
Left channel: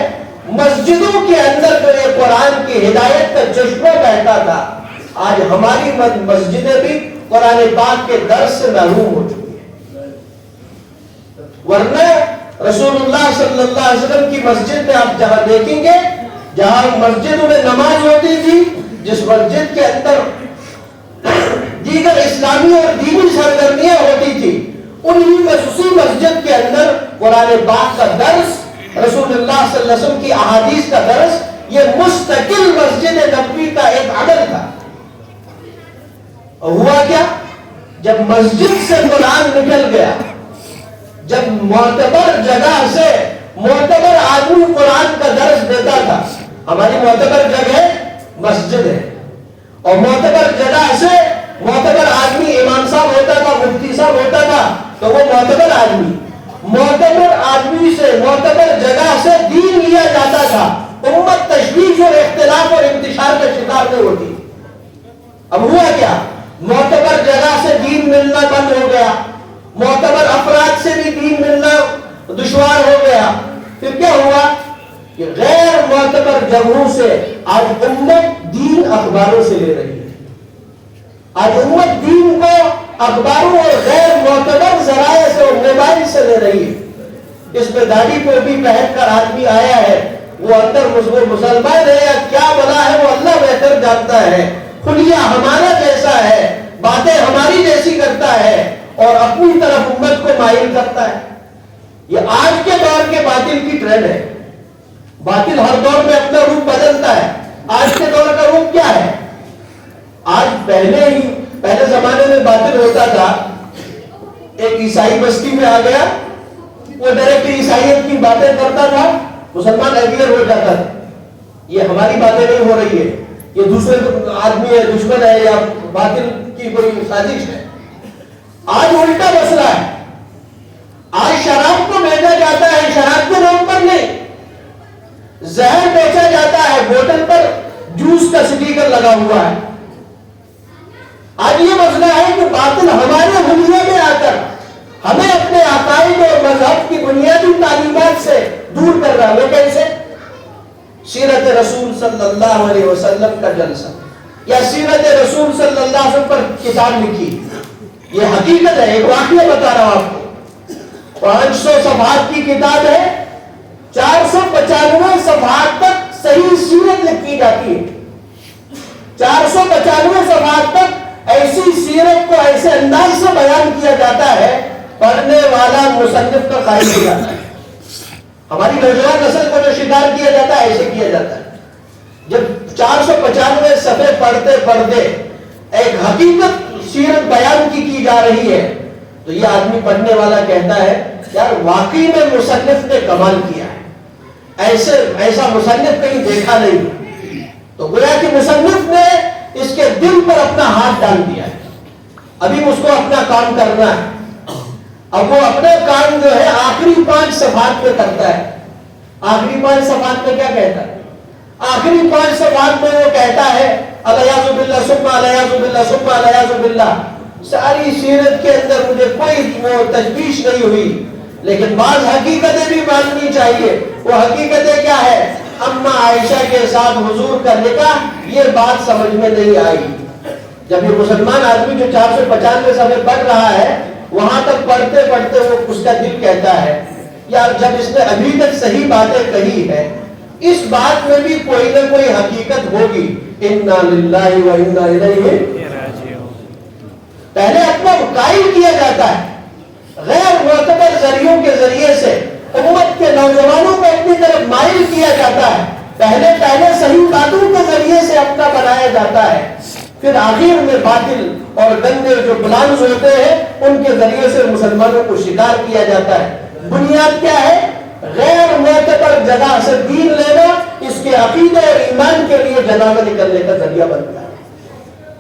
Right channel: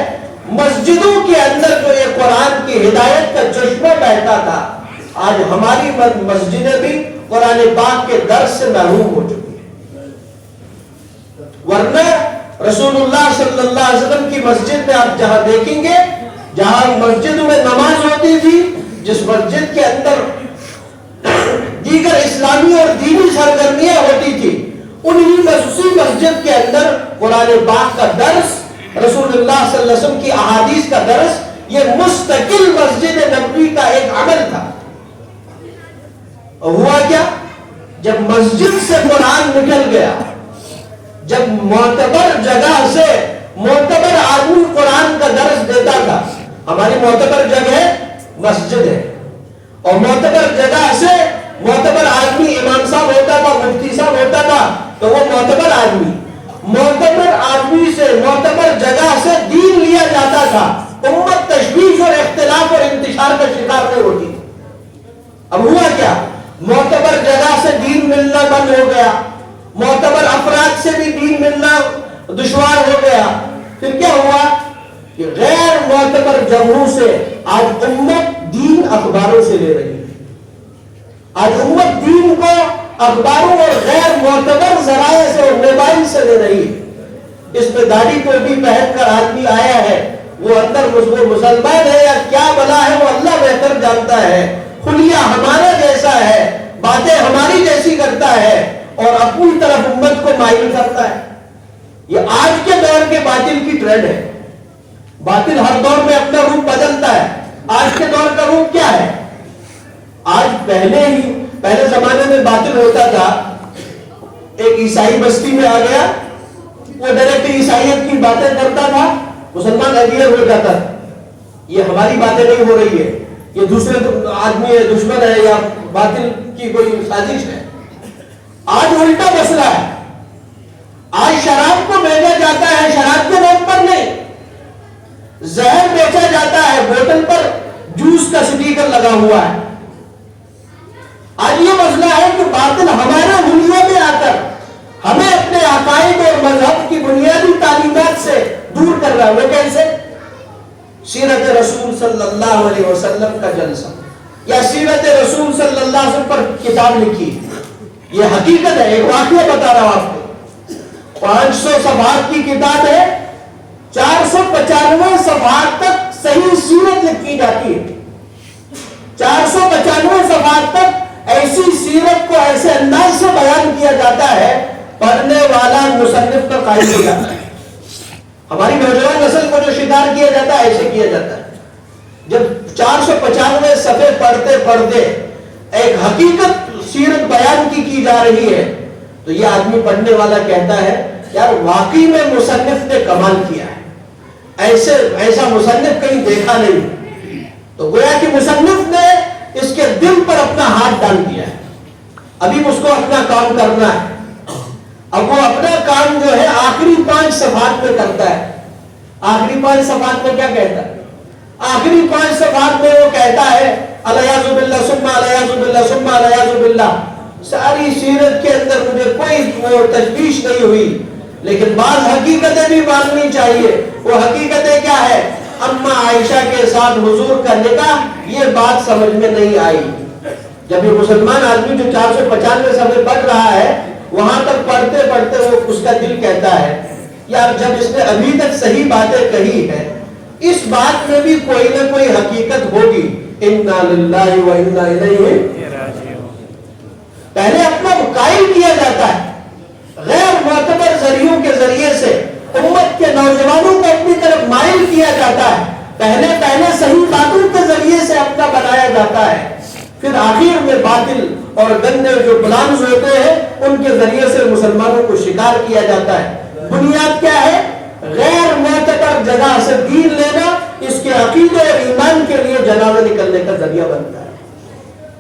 مسجدوں کے اندر جو یہ قرآن کی ہدایت کا چشمہ بہتا تھا، آج ہماری مسجدیں بھی قرآن پاک کے درس سے محروم ہو چکی ہیں. ورنہ رسول اللہ صلی اللہ علیہ وسلم کی مسجد میں آپ جہاں دیکھیں گے، جہاں مسجدوں میں نماز ہوتی تھی، جس مسجد کے اندر دیگر اسلامی اور دینی سرگرمیاں ہوتی تھی، اسی مسجد کے اندر قرآن پاک کا درس، رسول اللہ صلی اللہ علیہ وسلم کی احادیث کا درس، یہ مستقل مسجد نبوی کا ایک عمل تھا. اور ہوا کیا؟ جب مسجد سے قرآن نکل گیا، جب معتبر جگہ سے معتبر آدمی قرآن کا درس دیتا تھا، ہماری معتبر جگہ مسجد ہے، اور معتبر جگہ سے معتبر آدمی امام صاحب ہوتا تھا، مفتی صاحب ہوتا تھا، تو وہ معتبر آدمی سے معتبر جگہ سے دین لیا جاتا تھا. امت تشویش اور اختلاف اور انتشار کا شکار نہیں ہوتی. اب ہوا کیا؟ معتبر جگہ سے دین ملنا بند ہو گیا، معتبر افراد سے بھی دین ملنا دشوار ہو گیا. پھر کیا ہوا کہ غیر معتبر جگہوں سے آج امت دین اخباروں سے لے رہی ہے. آج امت دین کو اخباروں اور غیر معتبر ذرائع سے اور موبائل سے لے رہی ہے. اس میں داڑھی کو بھی پہن کر آدمی آیا ہے، وہ اندر وہ مسلمان ہے یا کیا بلا ہے وہ اللہ بہتر جانتا ہے. خلیہ ہمارے جیسا ہے، باتیں ہماری جیسی کرتا ہے اور اپنی طرف امت کو مائل کرتا ہے. یہ آج کے دور کے باطل کی ٹرینڈ ہے. باطل ہر دور میں اپنا روپ بدلتا ہے. آج کے دور کا روپ کیا ہے؟ آج پہلے زمانے میں باطل ہوتا تھا، ایک عیسائی بستی میں آ گیا، وہ ڈائریکٹ عیسائیت کی باتیں کرتا تھا، مسلمان اگیئر ہو جاتا تھا. یہ ہماری باتیں نہیں ہو رہی ہے، یہ دوسرے آدمی ہے، دشمن ہے یا باطل کی کوئی سازش ہے. آج الٹا مسئلہ ہے. آج شراب کو بیچا جاتا ہے، شراب کے نام پر نہیں، زہر بیچا جاتا ہے، بوتل پر جوس کا سٹیکر لگا ہوا ہے. آج یہ مسئلہ ہے کہ باطل ہمارے دنیا میں آ کر ہمیں اپنے عقائد اور مذہب کی بنیادی تعلیمات سے دور کر رہا ہے. وہ کیسے؟ سیرت رسول صلی اللہ علیہ وسلم کا جلسہ یا سیرت رسول صلی اللہ علیہ وسلم پر کتاب لکھی. یہ حقیقت ہے، ایک واقعہ بتا رہا ہوں آپ کو. 500 صفحات کی کتاب ہے، 495 صفحات تک صحیح سیرت لکھی جاتی ہے. 495 صفحات تک ایسی سیرت کو ایسے انداز سے بیان کیا جاتا ہے، پڑھنے والا مصنف پر قائم ہو جاتا ہے. ہماری نوجوان نسل کو جو شکار کیا جاتا ہے ایسے کیا جاتا ہے. جب 495 صفحے پڑھتے پڑھتے ایک حقیقت سیرت بیان کی جا رہی ہے تو یہ آدمی پڑھنے والا کہتا ہے یار واقعی میں مصنف نے کمال کیا ہے، ایسا مصنف کہیں دیکھا نہیں۔ تو گویا کہ مصنف نے اس کے دل پر اپنا ہاتھ ڈال دیا ہے، ابھی اس کو اپنا کام کرنا ہے۔ اب وہ اپنا کام جو ہے آخری 5 صفحات میں کرتا ہے۔ آخری 5 صفحات میں کیا کہتا ہے؟ آخری 5 صفحات میں وہ کہتا ہے الیاذ باللہ ثم الیاذ باللہ ثم الیاذ باللہ۔ ساری سیرت کے اندر مجھے کوئی وہ تشویش نہیں ہوئی، لیکن بعض حقیقتیں بھی ماننی چاہیے۔ وہ حقیقتیں کیا ہے؟ اما عائشہ کے ساتھ حضور کا نکاح، یہ بات سمجھ میں نہیں آئی۔ جب یہ مسلمان آدمی جو 495 صفحے پڑھ رہا ہے، وہاں تک پڑھتے پڑھتے وہ اس کا دل کہتا ہے یار جب اس نے ابھی تک صحیح باتیں کہی ہے، اس بات میں بھی کوئی نہ کوئی حقیقت ہوگی۔ انا للہ و انا الیہ راجعون۔ پہلے اپنا قائل کیا جاتا ہے، غیر معتبر ذریعوں کے ذریعے سے امت کے نوجوانوں کو اپنی طرف مائل کیا جاتا ہے، پہلے صحیح باتوں کے ذریعے سے اپنا بنایا جاتا ہے، پھر آخر میں باطل اور گندے جو پلانز ہوتے ہیں ان کے ذریعے سے مسلمانوں کو شکار کیا جاتا ہے۔ بنیاد کیا ہے؟ غیر معتبر جگہ سے دین لینا، اس کے عقیدے اور ایمان کے لیے جنازہ نکلنے کا ذریعہ بنتا ہے۔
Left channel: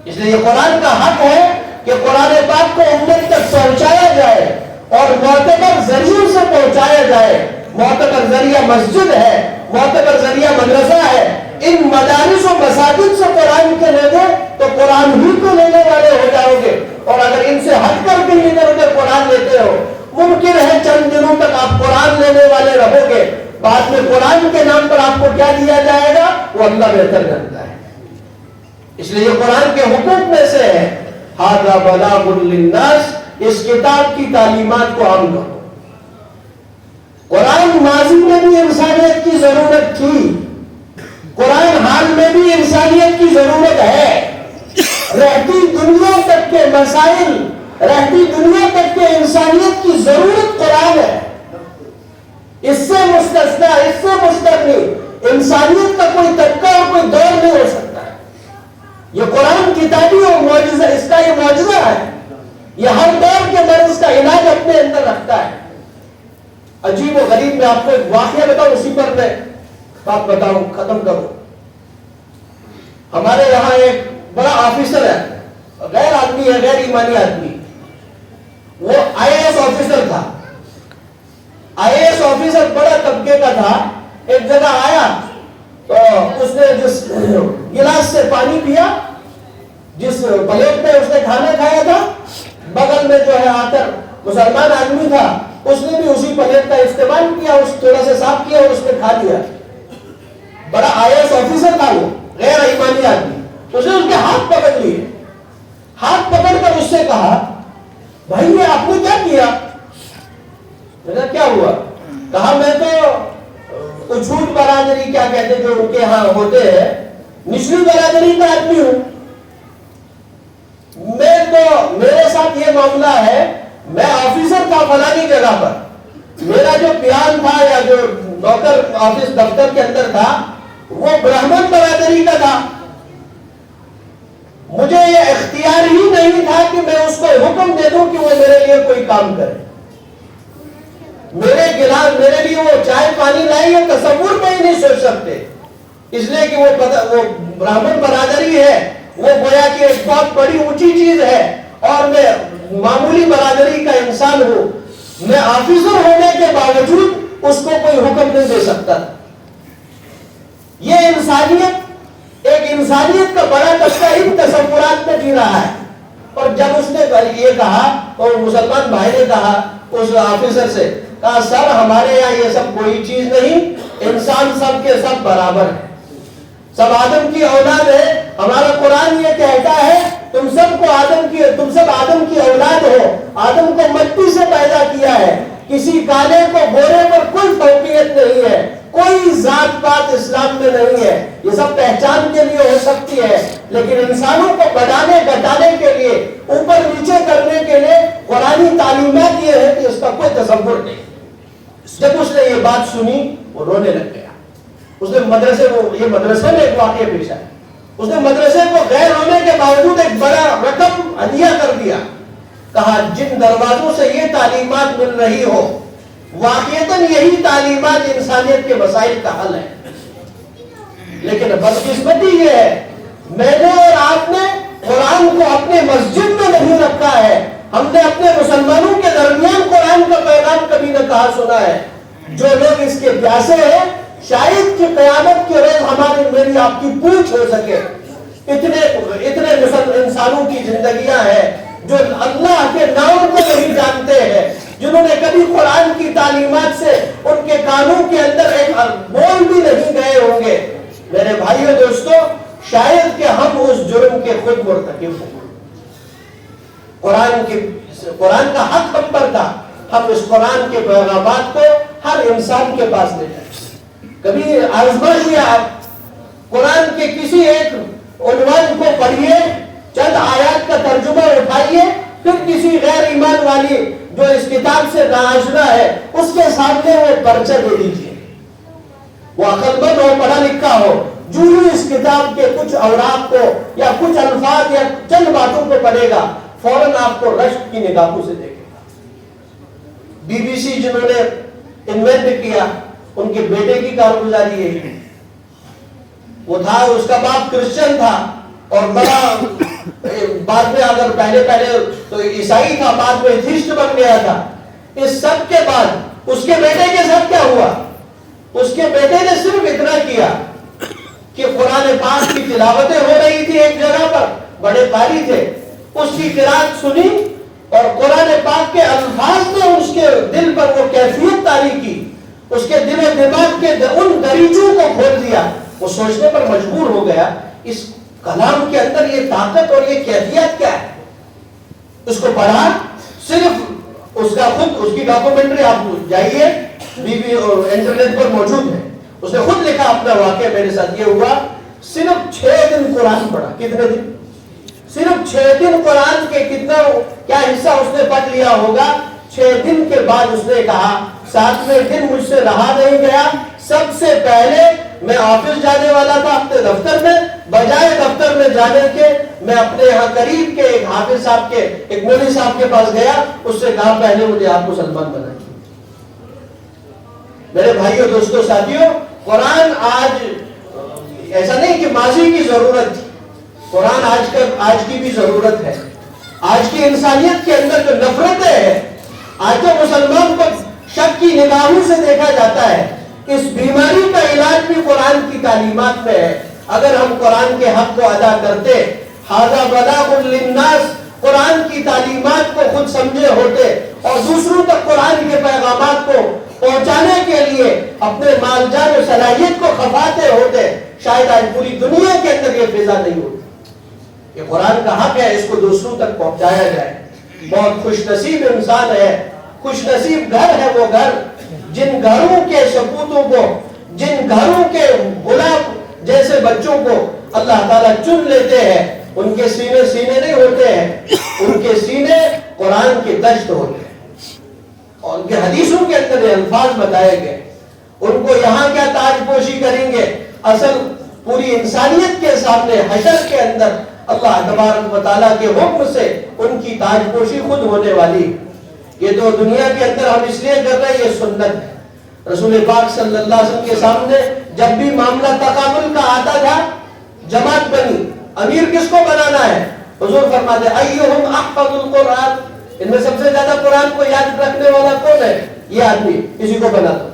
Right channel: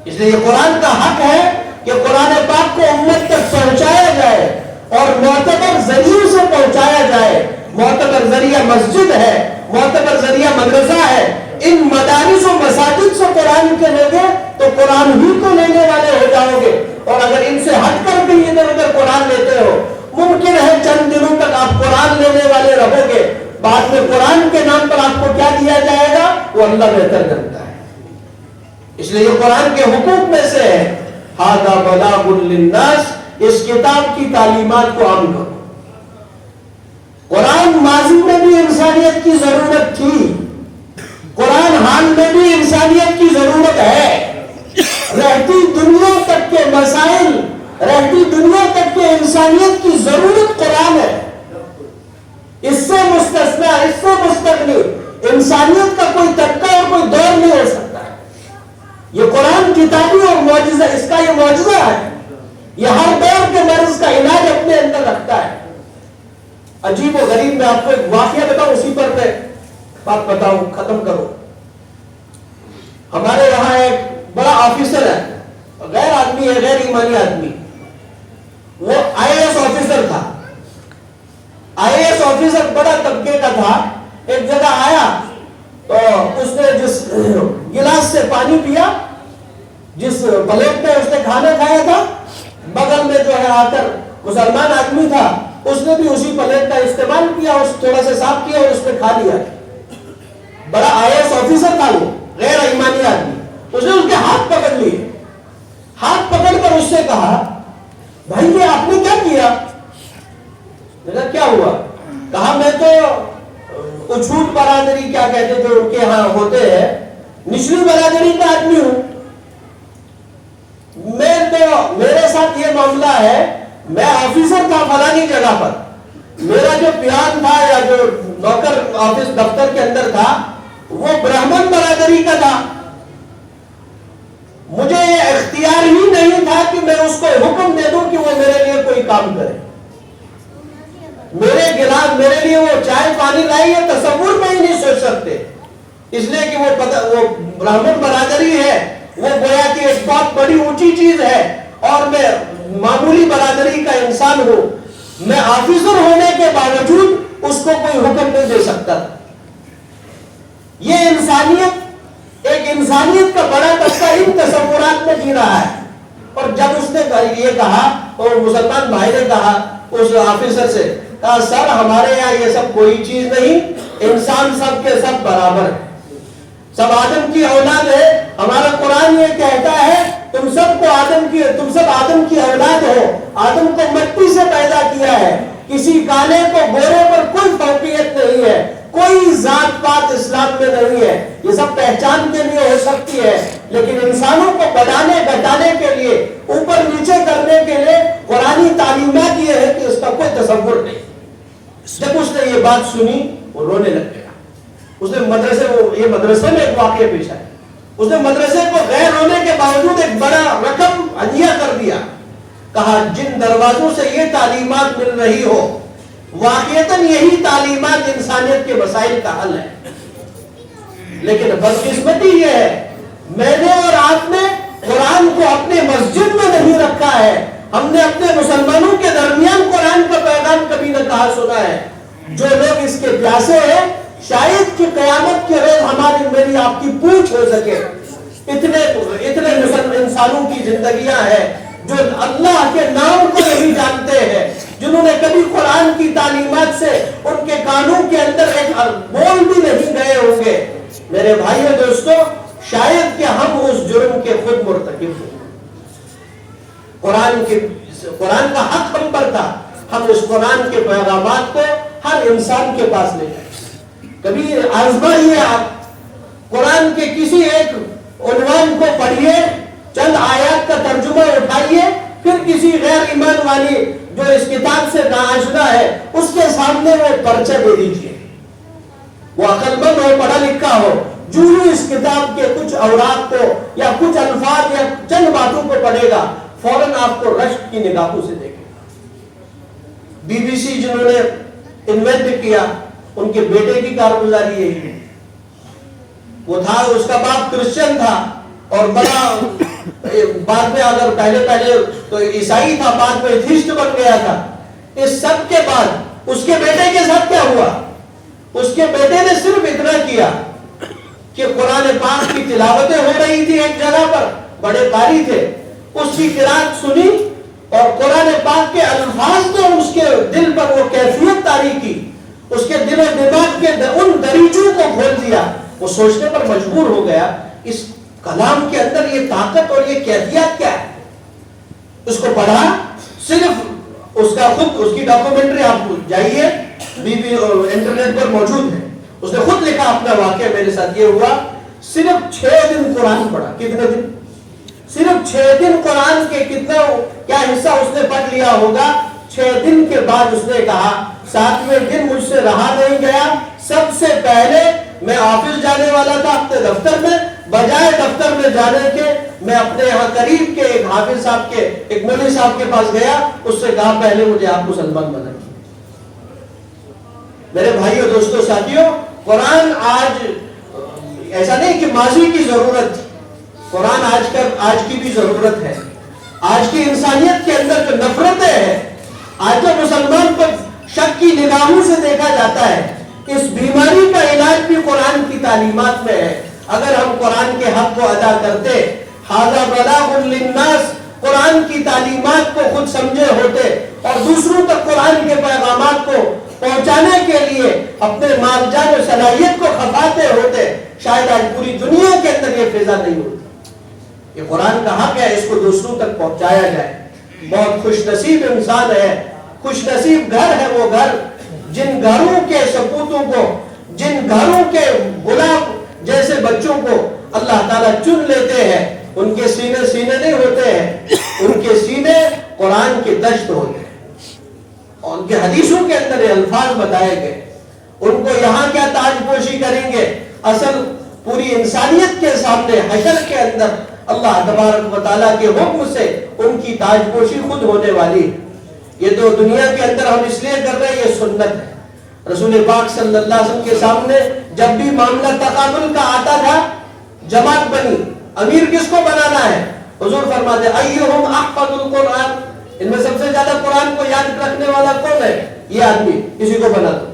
اس لیے یہ قرآن کا حق ہے کہ قرآن پاک کو امت تک پہنچایا جائے اور معتبر ذریعوں سے پہنچایا جائے۔ معتبر ذریعہ مسجد ہے، معتبر ذریعہ مدرسہ ہے۔ ان مدارس و مساجد سے قرآن کے لے گے تو قرآن ہی کو لینے والے ہو جاؤ گے، اور اگر ان سے ہٹ کر بھی ادھر ادھر قرآن لیتے ہو، ممکن ہے چند دنوں تک آپ قرآن لینے والے رہو گے، بعد میں قرآن کے نام پر آپ کو کیا دیا جائے گا وہ اللہ بہتر جانتا ہے۔ اس لیے یہ قرآن کے حقوق میں سے ہے ھذا بلاغ للناس، اس کتاب کی تعلیمات کو عام کرو۔ قرآن ماضی میں بھی انسانیت کی ضرورت تھی، قرآن حال میں بھی انسانیت کی ضرورت ہے۔ رہتی دنیا تک کے مسائل، رہتی دنیا تک کے انسانیت کی ضرورت قرآن ہے۔ اس سے مستثنا، اس سے مستغنی انسانیت کا کوئی طبقہ اور کوئی دور نہیں ہو سکتا۔ یہ قرآن کتابی اور معجزہ، اس کا یہ معجزہ ہے، یہ ہر دور کے مرض کا علاج اپنے اندر رکھتا ہے۔ عجیب و غریب میں آپ کو ایک واقعہ بتاؤں، اسی پر میں بات بتاؤں، ختم کروں۔ ہمارے یہاں ایک بڑا آفیسر ہے، غیر آدمی ہے، غیر ایمانی آدمی، وہ IAS آفیسر تھا۔ IAS آفیسر بڑا طبقے کا تھا۔ ایک جگہ آیا تو اس نے جس گلاس سے پانی پیا، جس پلیٹ میں اس نے کھانا کھایا تھا، بغل میں جو ہے آ کر مسلمان آدمی تھا، اس نے بھی اسی پلیٹ کا استعمال کیا، اس تھوڑا سا صاف کیا اور اس میں کھا لیا۔ بڑا IAS آفیسر تھا وہ، غیر ایمانی آدمی۔ اس نے ان کے ہاتھ پکڑ لیے، ہاتھ پکڑ کر اس سے کہا بھائی یہ آپ نے کیا کیا؟ میں نے کہا کیا ہوا؟ کہا میں تو اچھوٹ برادری کیا کہتے جو ان کے ہاں ہوتے ہیں، نچلی برادری کا آدمی ہوں، میں تو میرے ساتھ یہ معاملہ ہے، میں آفیسر تھا فلانی جگہ پر، میرا جو پیان تھا یا جو نوکر آفس دفتر کے اندر تھا وہ برہمن برادری کا تھا، مجھے یہ اختیار ہی نہیں تھا کہ میں اس کو حکم دے دوں کہ وہ میرے لیے کوئی کام کرے۔ میرے گلاس، میرے لیے وہ چائے پانی لائی، یہ تصور میں ہی نہیں سوچ سکتے، اس لیے کہ وہ برہمن برادری ہے، وہ گویا کہ ایک بہت بڑی اونچی چیز ہے، اور میں معمولی برادری کا انسان ہوں، میں آفیسر ہونے کے باوجود اس کو کوئی حکم نہیں دے سکتا۔ یہ انسانیت، ایک انسانیت کا بڑا طبقہ ان تصورات میں جی رہا ہے۔ اور جب اس نے یہ کہا تو مسلمان بھائی نے کہا اس آفیسر سے، کہا سر ہمارے یہاں یہ سب کوئی چیز نہیں، انسان سب کے سب برابر ہے، سب آدم کی اولاد ہے، ہمارا قرآن یہ کہتا ہے تم سب آدم کی اولاد ہو، آدم کو مٹی سے پیدا کیا ہے، کسی کالے کو گورے پر کوئی فوقیت نہیں ہے، کوئی ذات پات اسلام میں نہیں ہے، یہ سب پہچان کے لیے ہو سکتی ہے، لیکن انسانوں کو بڑھانے گھٹانے کے لیے، اوپر نیچے کرنے کے لیے قرآنی تعلیمات یہ ہے کہ اس کا کوئی تصور نہیں۔ جب اس نے یہ بات سنی وہ رونے لگ گیا۔ اس نے یہ مدرسے میں ایک واقعہ پیش آیا، اس نے مدرسے کو غیر ہونے کے باوجود ایک بڑا رقم ہدیہ کر دیا، کہا جن دروازوں سے یہ تعلیمات مل رہی ہو واقعتاً یہی تعلیمات انسانیت کے مسائل کا حل ہے. لیکن بدقسمتی یہ ہے میں نے اور آپ نے قرآن کو اپنے مسجد میں نہیں رکھا ہے. ہم نے اپنے مسلمانوں کے درمیان قرآن کا پیغام کبھی نہ کہا سنا ہے. جو لوگ اس کے پیاسے ہیں شاید کہ قیامت کے روز ہماری میری آپ کی پوچھ ہو سکے. اتنے انسانوں کی زندگیاں ہیں جو اللہ کے نام کو نہیں جانتے ہیں, جنہوں نے کبھی قرآن کی تعلیمات سے ان کے کانوں کے اندر ایک بول بھی نہیں گئے ہوں گے. میرے بھائیو دوستو, شاید کہ ہم اس جرم کے خود مرتکب ہوں. قرآن کا حق ہم پر تھا, ہم اس قرآن کے پیغامات کو ہر انسان کے پاس لے جائیں. کبھی آزمائیے آپ قرآن کے کسی ایک عنوان کو پڑھیے, چند آیات کا ترجمہ اٹھائیے, پھر کسی غیر ایمان والی جو اس کتاب سے ناآشنا ہے اس کے سامنے وہ پرچہ دے دیجیے. وہ عقل مند ہو, پڑھا لکھا ہو, جو ہی اس کتاب کے کچھ اوراق کو یا کچھ الفاظ یا چند باتوں کو پڑھے گا فوراً آپ کو رشک کی نگاہوں سے دیکھے گا. بی بی سی جنہوں نے انوینٹ کیا ان کے بیٹے کی کارگزاری یہی ہے. وہ تھا, اس کا باپ کرسچن تھا اور بڑا بعد میں اگر پہلے تو عیسائی تھا, بعد میں ایتھیسٹ بن گیا تھا. اس سب کے بعد اس کے بیٹے کے ساتھ کیا ہوا؟ اس کے بیٹے نے صرف اتنا کیا کہ قرآن پاک کی تلاوتیں ہو رہی تھی ایک جگہ پر, بڑے قاری تھے, اس کی قرات سنی اور قرآن پاک کے الفاظ نے اس کے دل پر وہ کیفیت طاری کی, اس کے دل و دماغ کے ان دریچوں کو کھول دیا. وہ سوچنے پر مجبور ہو گیا اس کلام کے اندر یہ طاقت اور یہ کیفیت کیا ہے. اس کو پڑھا, صرف اس کا خود اس کی ڈاکومنٹری آپ جائیے انٹرنیٹ پر موجود ہے. اس نے خود لکھا اپنا واقعہ, میرے ساتھ یہ ہوا, صرف 6 دن قرآن پڑھا. کتنے دن؟ صرف 6 دن قرآن کے کیا حصہ اس نے پڑھ لیا ہوگا. 6 دن کے بعد اس نے کہا 7ویں دن مجھ سے رہا نہیں گیا, سب سے پہلے میں آفس جانے والا تھا اپنے دفتر میں, بجائے دفتر میں جانے کے میں اپنے یہاں قریب کے ایک حافظ صاحب کے, ایک مولوی صاحب کے پاس گیا, اس سے کہا پہلے مجھے آپ مسلمان بنائیے. میرے بھائیو دوستو ساتھیو, قرآن آج ایسا نہیں کہ ماضی کی ضرورت تھی, قرآن آج کی بھی ضرورت ہے. آج کی انسانیت کے اندر جو نفرتیں ہیں, آج جو مسلمان پر شک کی نگاہوں سے دیکھا جاتا ہے, اس بیماری کا علاج بھی قرآن کی تعلیمات میں ہے. اگر ہم قرآن کے حق کو ادا کرتے, ھذا بلاغ للناس, قرآن کی تعلیمات کو خود سمجھے ہوتے اور دوسروں تک قرآن کے پیغامات کو پہنچانے کے لیے اپنے مال جان و صلاحیت کو کھپاتے ہوتے, شاید آج پوری دنیا کے اندر یہ فضا نہیں ہوتی. یہ قرآن کا حق ہے, اس کو دوسروں تک پہنچایا جائے. بہت خوش نصیب انسان ہے, خوش نصیب گھر ہے وہ گھر جن گھروں کے سپوتوں کو, جن گھروں کے غلام جیسے بچوں کو اللہ تعالیٰ چن لیتے ہیں. ان کے سینے نہیں ہوتے ہیں, ان کے سینے قرآن کے دشت ہوتے ہیں. اور ان کے حدیثوں کے اندر یہ الفاظ بتائے گئے, ان کو یہاں کیا تاج پوشی کریں گے, اصل پوری انسانیت کے سامنے حشر کے اندر اللہ تبارک و تعالیٰ کے حکم سے ان کی تاج پوشی خود ہونے والی. یہ تو دنیا کے اندر ہم اس لیے کر رہے ہیں, یہ سنت ہے. رسول پاک صلی اللہ علیہ وسلم کے سامنے جب بھی معاملہ تقابل کا آتا تھا, جماعت بنی, امیر کس کو بنانا ہے, حضور فرماتے ایہم احفظ القرآن, ان میں سب سے زیادہ قرآن کو یاد رکھنے والا کون ہے, یہ آدمی, اسی کو بنا دو.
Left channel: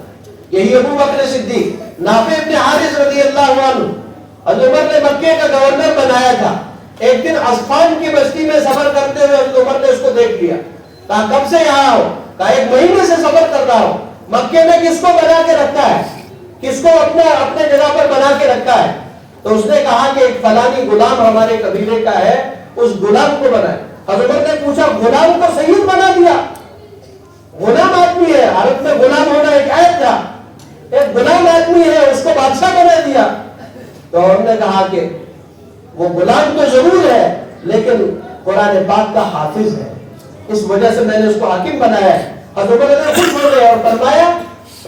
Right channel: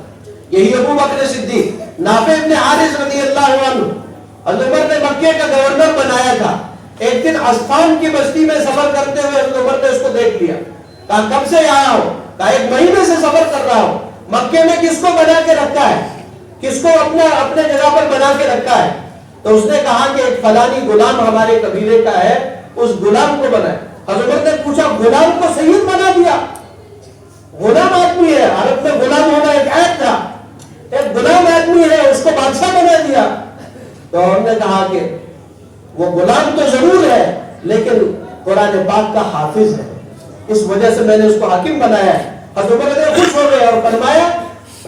یہی ابو بکر صدیق, نافع ابن حارث رضی اللہ عنہ, حضرت عمر نے مکے کا گورنر بنایا تھا. ایک دن عصفان کی بستی میں سفر کرتے ہوئے حضرت عمر نے اس کو دیکھ لیا, کہا کب سے آیا ہو, کہا 1 مہینے سے سفر کر رہا ہوں. مکے میں کس کو بنا کے رکھا ہے, کس کو اپنے جگہ پر بنا کے رکھا ہے؟ تو اس نے کہا کہ ایک فلانی غلام ہمارے قبیلے کا ہے, اس غلام کو بنا. حضرت نے پوچھا غلام کو سید بنا دیا؟ غلام آدمی ہے, عرب میں غلام ہونا ایک عیب تھا, ایک غلام آدمی ہے اس کو بادشاہ بنا دیا. تو ہم نے کہا کہ وہ غلام تو ضرور ہے لیکن قرآن پاک کا حافظ ہے, اس وجہ سے میں نے اس کو حاکم بنایا ہے. حضرت عمر نے خوش ہو گئے اور فرمایا,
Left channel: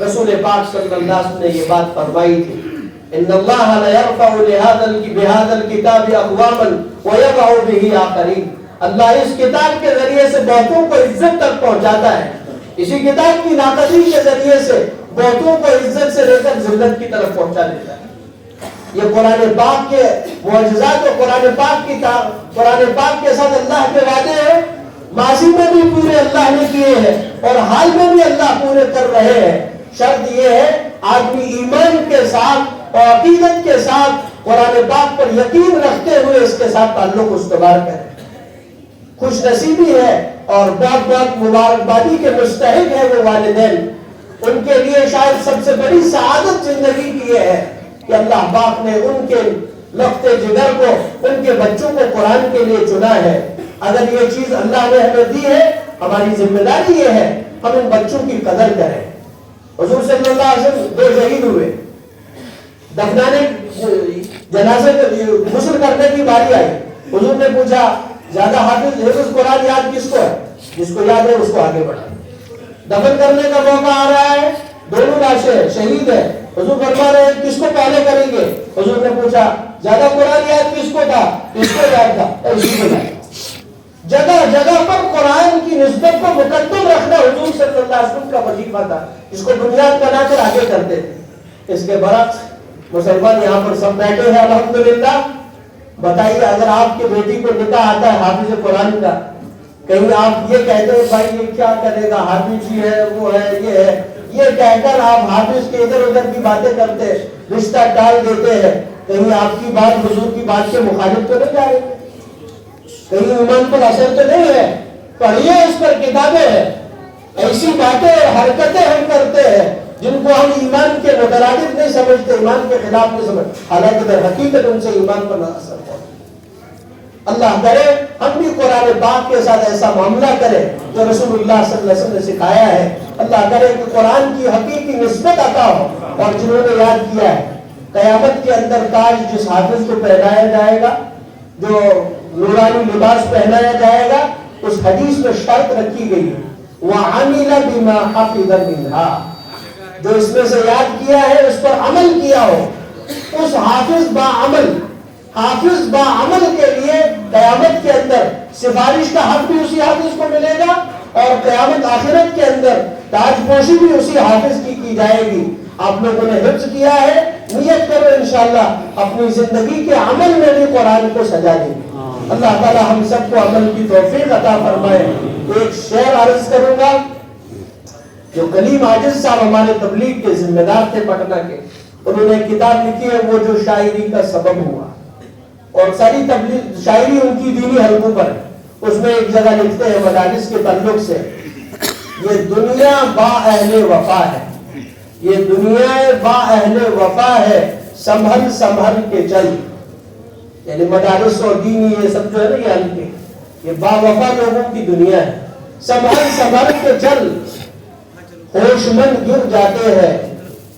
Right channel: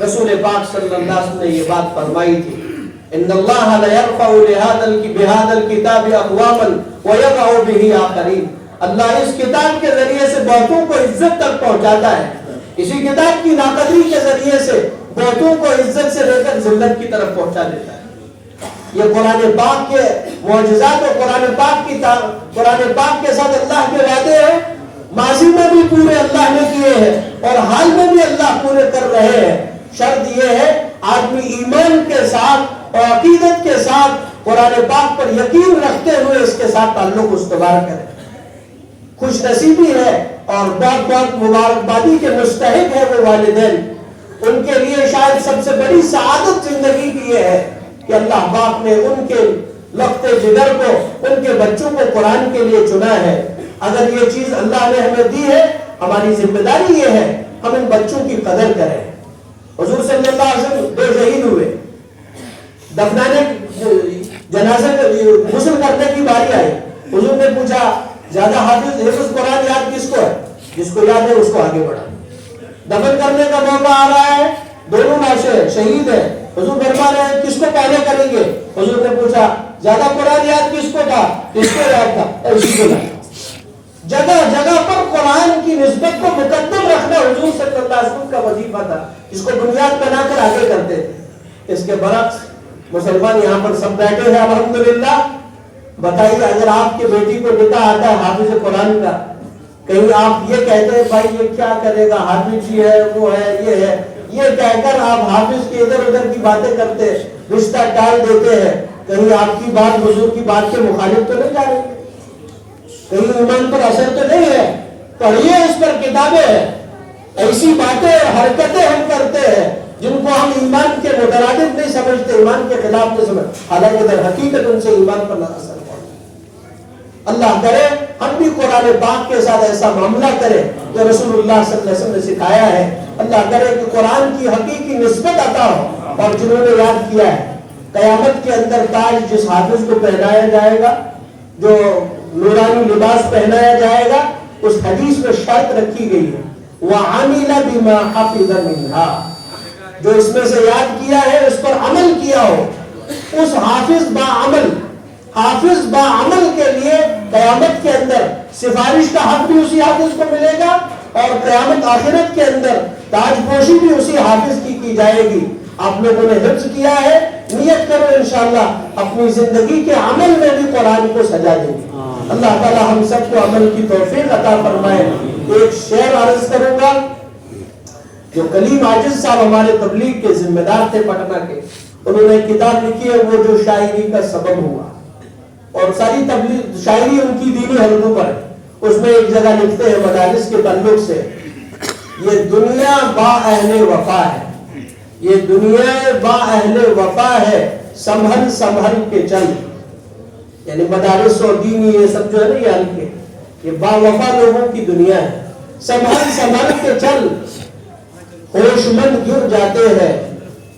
رسول پاک صلی اللہ علیہ وسلم نے یہ بات فرمائی تھی, ان اللہ لا يرفع بهذا الكتاب اقواما ويضع به آخرین. اللہ اس کتاب کے ذریعے سے بہتوں کو عزت تک پہنچاتا ہے. اسی کتاب کی ناقدری کے ذریعے سے بہتوں کو عزت سے لے کر ذلت کی طرف پہنچا دیتا ہے. یہ قرآن پاک کے معجزات اور قرآن پاک کے ساتھ اللہ کے وعدے ہیں. ماضی میں بھی پورے اللہ نے کیے ہیں اور حال میں بھی اللہ پورے کر رہے ہیں. شرط یہ ہے آدمی ایمان کے ساتھ اور عقیدت کے ساتھ قرآن پاک پر یقین رکھتے ہوئے اس کے ساتھ تعلق استوار کرے. خوش نصیبی ہے اور بہت بہت مبارکبادی کے مستحق ہے وہ والدین. ان کے لیے شاید سب سے بڑی سعادت زندگی کی یہ ہے کہ اللہ پاک نے ان کے لخت جگر کو، ان کے بچوں کو قرآن کے لیے چنا ہے. اگر یہ چیز اللہ نے ہمیں دی ہے، ہماری ذمہ داری یہ ہے ہم ان بچوں کی قدر کریں. حضور صلی اللہ علیہ وسلم 2 شہید ہوئے، دفنانے جنازے غسل کرنے کی باری آئی. حضور نے پوچھا زیادہ حفظ قرآن یاد کس کو ہے؟ جس کو یاد ہے اس کو آگے بڑھا. دفن کرنے کا موقع آ رہا ہے، دونوں لاشیں شہید ہیں. حضور فرما رہے ہیں کس کو پہلے کریں گے؟ حضور نے پوچھا زیادہ قرآن یاد کس کو تھا؟ کس کو یاد تھا؟ اسی کو یاد. جگہ جگہ پر قرآن کی نسبت کو مقدم رکھنا حضور صلی اللہ علیہ وسلم کا وظیفہ تھا، اس کو بنیاد بنا کر آگے کرتے تھے. اس کے برعکس مسلمان یہاں پر سب بیٹھے ہیں الحمدللہ. بتائیے اگر آپ کے بیٹی کو نکاح آتا ہے حافظ قرآن کا، کہیں آپ یہ کہتے ہیں بھائی یہ کیا کرے گا، حافظ جی ہے وہ ہے یہ ہے، یہ کہہ کر آپ حافظ کے ادھر ادھر کی باتیں کرتے رشتہ ٹال دیتے ہیں، کہیں آپ کی بات حضور کی بات کے مخالف تو نہیں جا رہے؟ کہیں ایمان پر اثر تو نہیں ہے؟ پڑھیے اس پر کتابیں ہیں. ایسی باتیں حرکتیں ہم کرتے ہیں جن کو ہم ایمان کے مترادف نہیں سمجھتے، ایمان کے خلاف نہیں سمجھتے، حالانکہ در حقیقت ان سے ایمان پر اثر پڑتا. اللہ کرے ہم بھی قرآن پاک کے ساتھ ایسا معاملہ کریں جو رسول اللہ صلی اللہ علیہ وسلم نے سکھایا ہے. اللہ کرے کہ قرآن کی حقیقی نسبت عطا ہو. اور جنہوں نے یاد کیا ہے قیامت کے اندر تاج جس حافظ کو پہنایا جائے گا، جو نورانی لباس پہنایا جائے گا، اس حدیث میں شرط رکھی گئی ہے وَعَمِلَ بِمَا حَفِظَ مِنْهَا، جو اس میں سے یاد کیا ہے اس پر عمل کیا ہو. اس حافظ با عمل کے لیے قیامت کے اندر سفارش کا حق بھی اسی حافظ کو ملے گا اور قیامت آخرت کے اندر تاج پوشی بھی اسی حافظ کی جائے گی. آپ لوگوں نے حفظ کیا ہے، نیت کرو انشاءاللہ اپنی زندگی کے عمل میں بھی قرآن کو سجا دیں گے. اللہ تعالی ہم سب کو عمل کی توفیق عطا فرمائے. ایک شعر عرض کروں گا جو کلیم عاجز صاحب ہمارے تبلیغ کے ذمہ دار تھے پٹنہ کے، انہوں نے کتاب لکھی ہے وہ جو شاعری کا سبب ہوا، اور ساری تبلیغ شاعری ان کی دینی حلقوں پر ہے. اس میں ایک جگہ لکھتے ہیں مدارس کے تعلق سے، یہ دنیا با اہل وفا ہے، یہ دنیا با اہل وفا ہے، سنبھل سنبھل کے چل. یعنی مدارس اور دینی یہ سب جو ہے نا یہ حلقے، یہ با وفا لوگوں کی دنیا ہے. سنبھل سنبھل کے چل، ہوش مند گر جاتے ہیں،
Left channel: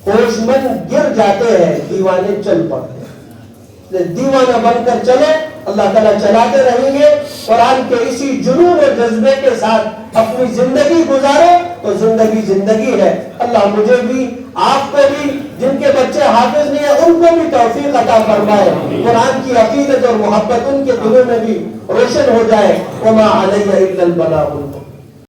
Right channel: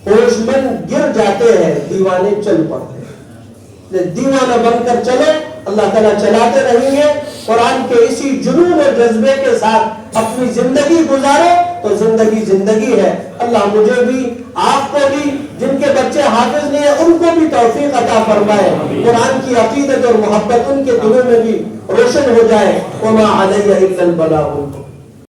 ہوش مند گر جاتے ہیں، دیوانے چل پڑتے ہیں. دیوانہ بن کر چلے، اللہ تعالیٰ چلاتے رہیں گے. قرآن کے اسی جنون اور جذبے کے ساتھ اپنی زندگی گزارو تو زندگی زندگی ہے. اللہ مجھے بھی آپ کو بھی جن کے بچے حافظ نہیں ہیں ان کو بھی توفیق عطا فرمائے. قرآن کی عقیدت اور محبت ان کے دلوں میں بھی روشن ہو جائے. وما علی الا البلاغ.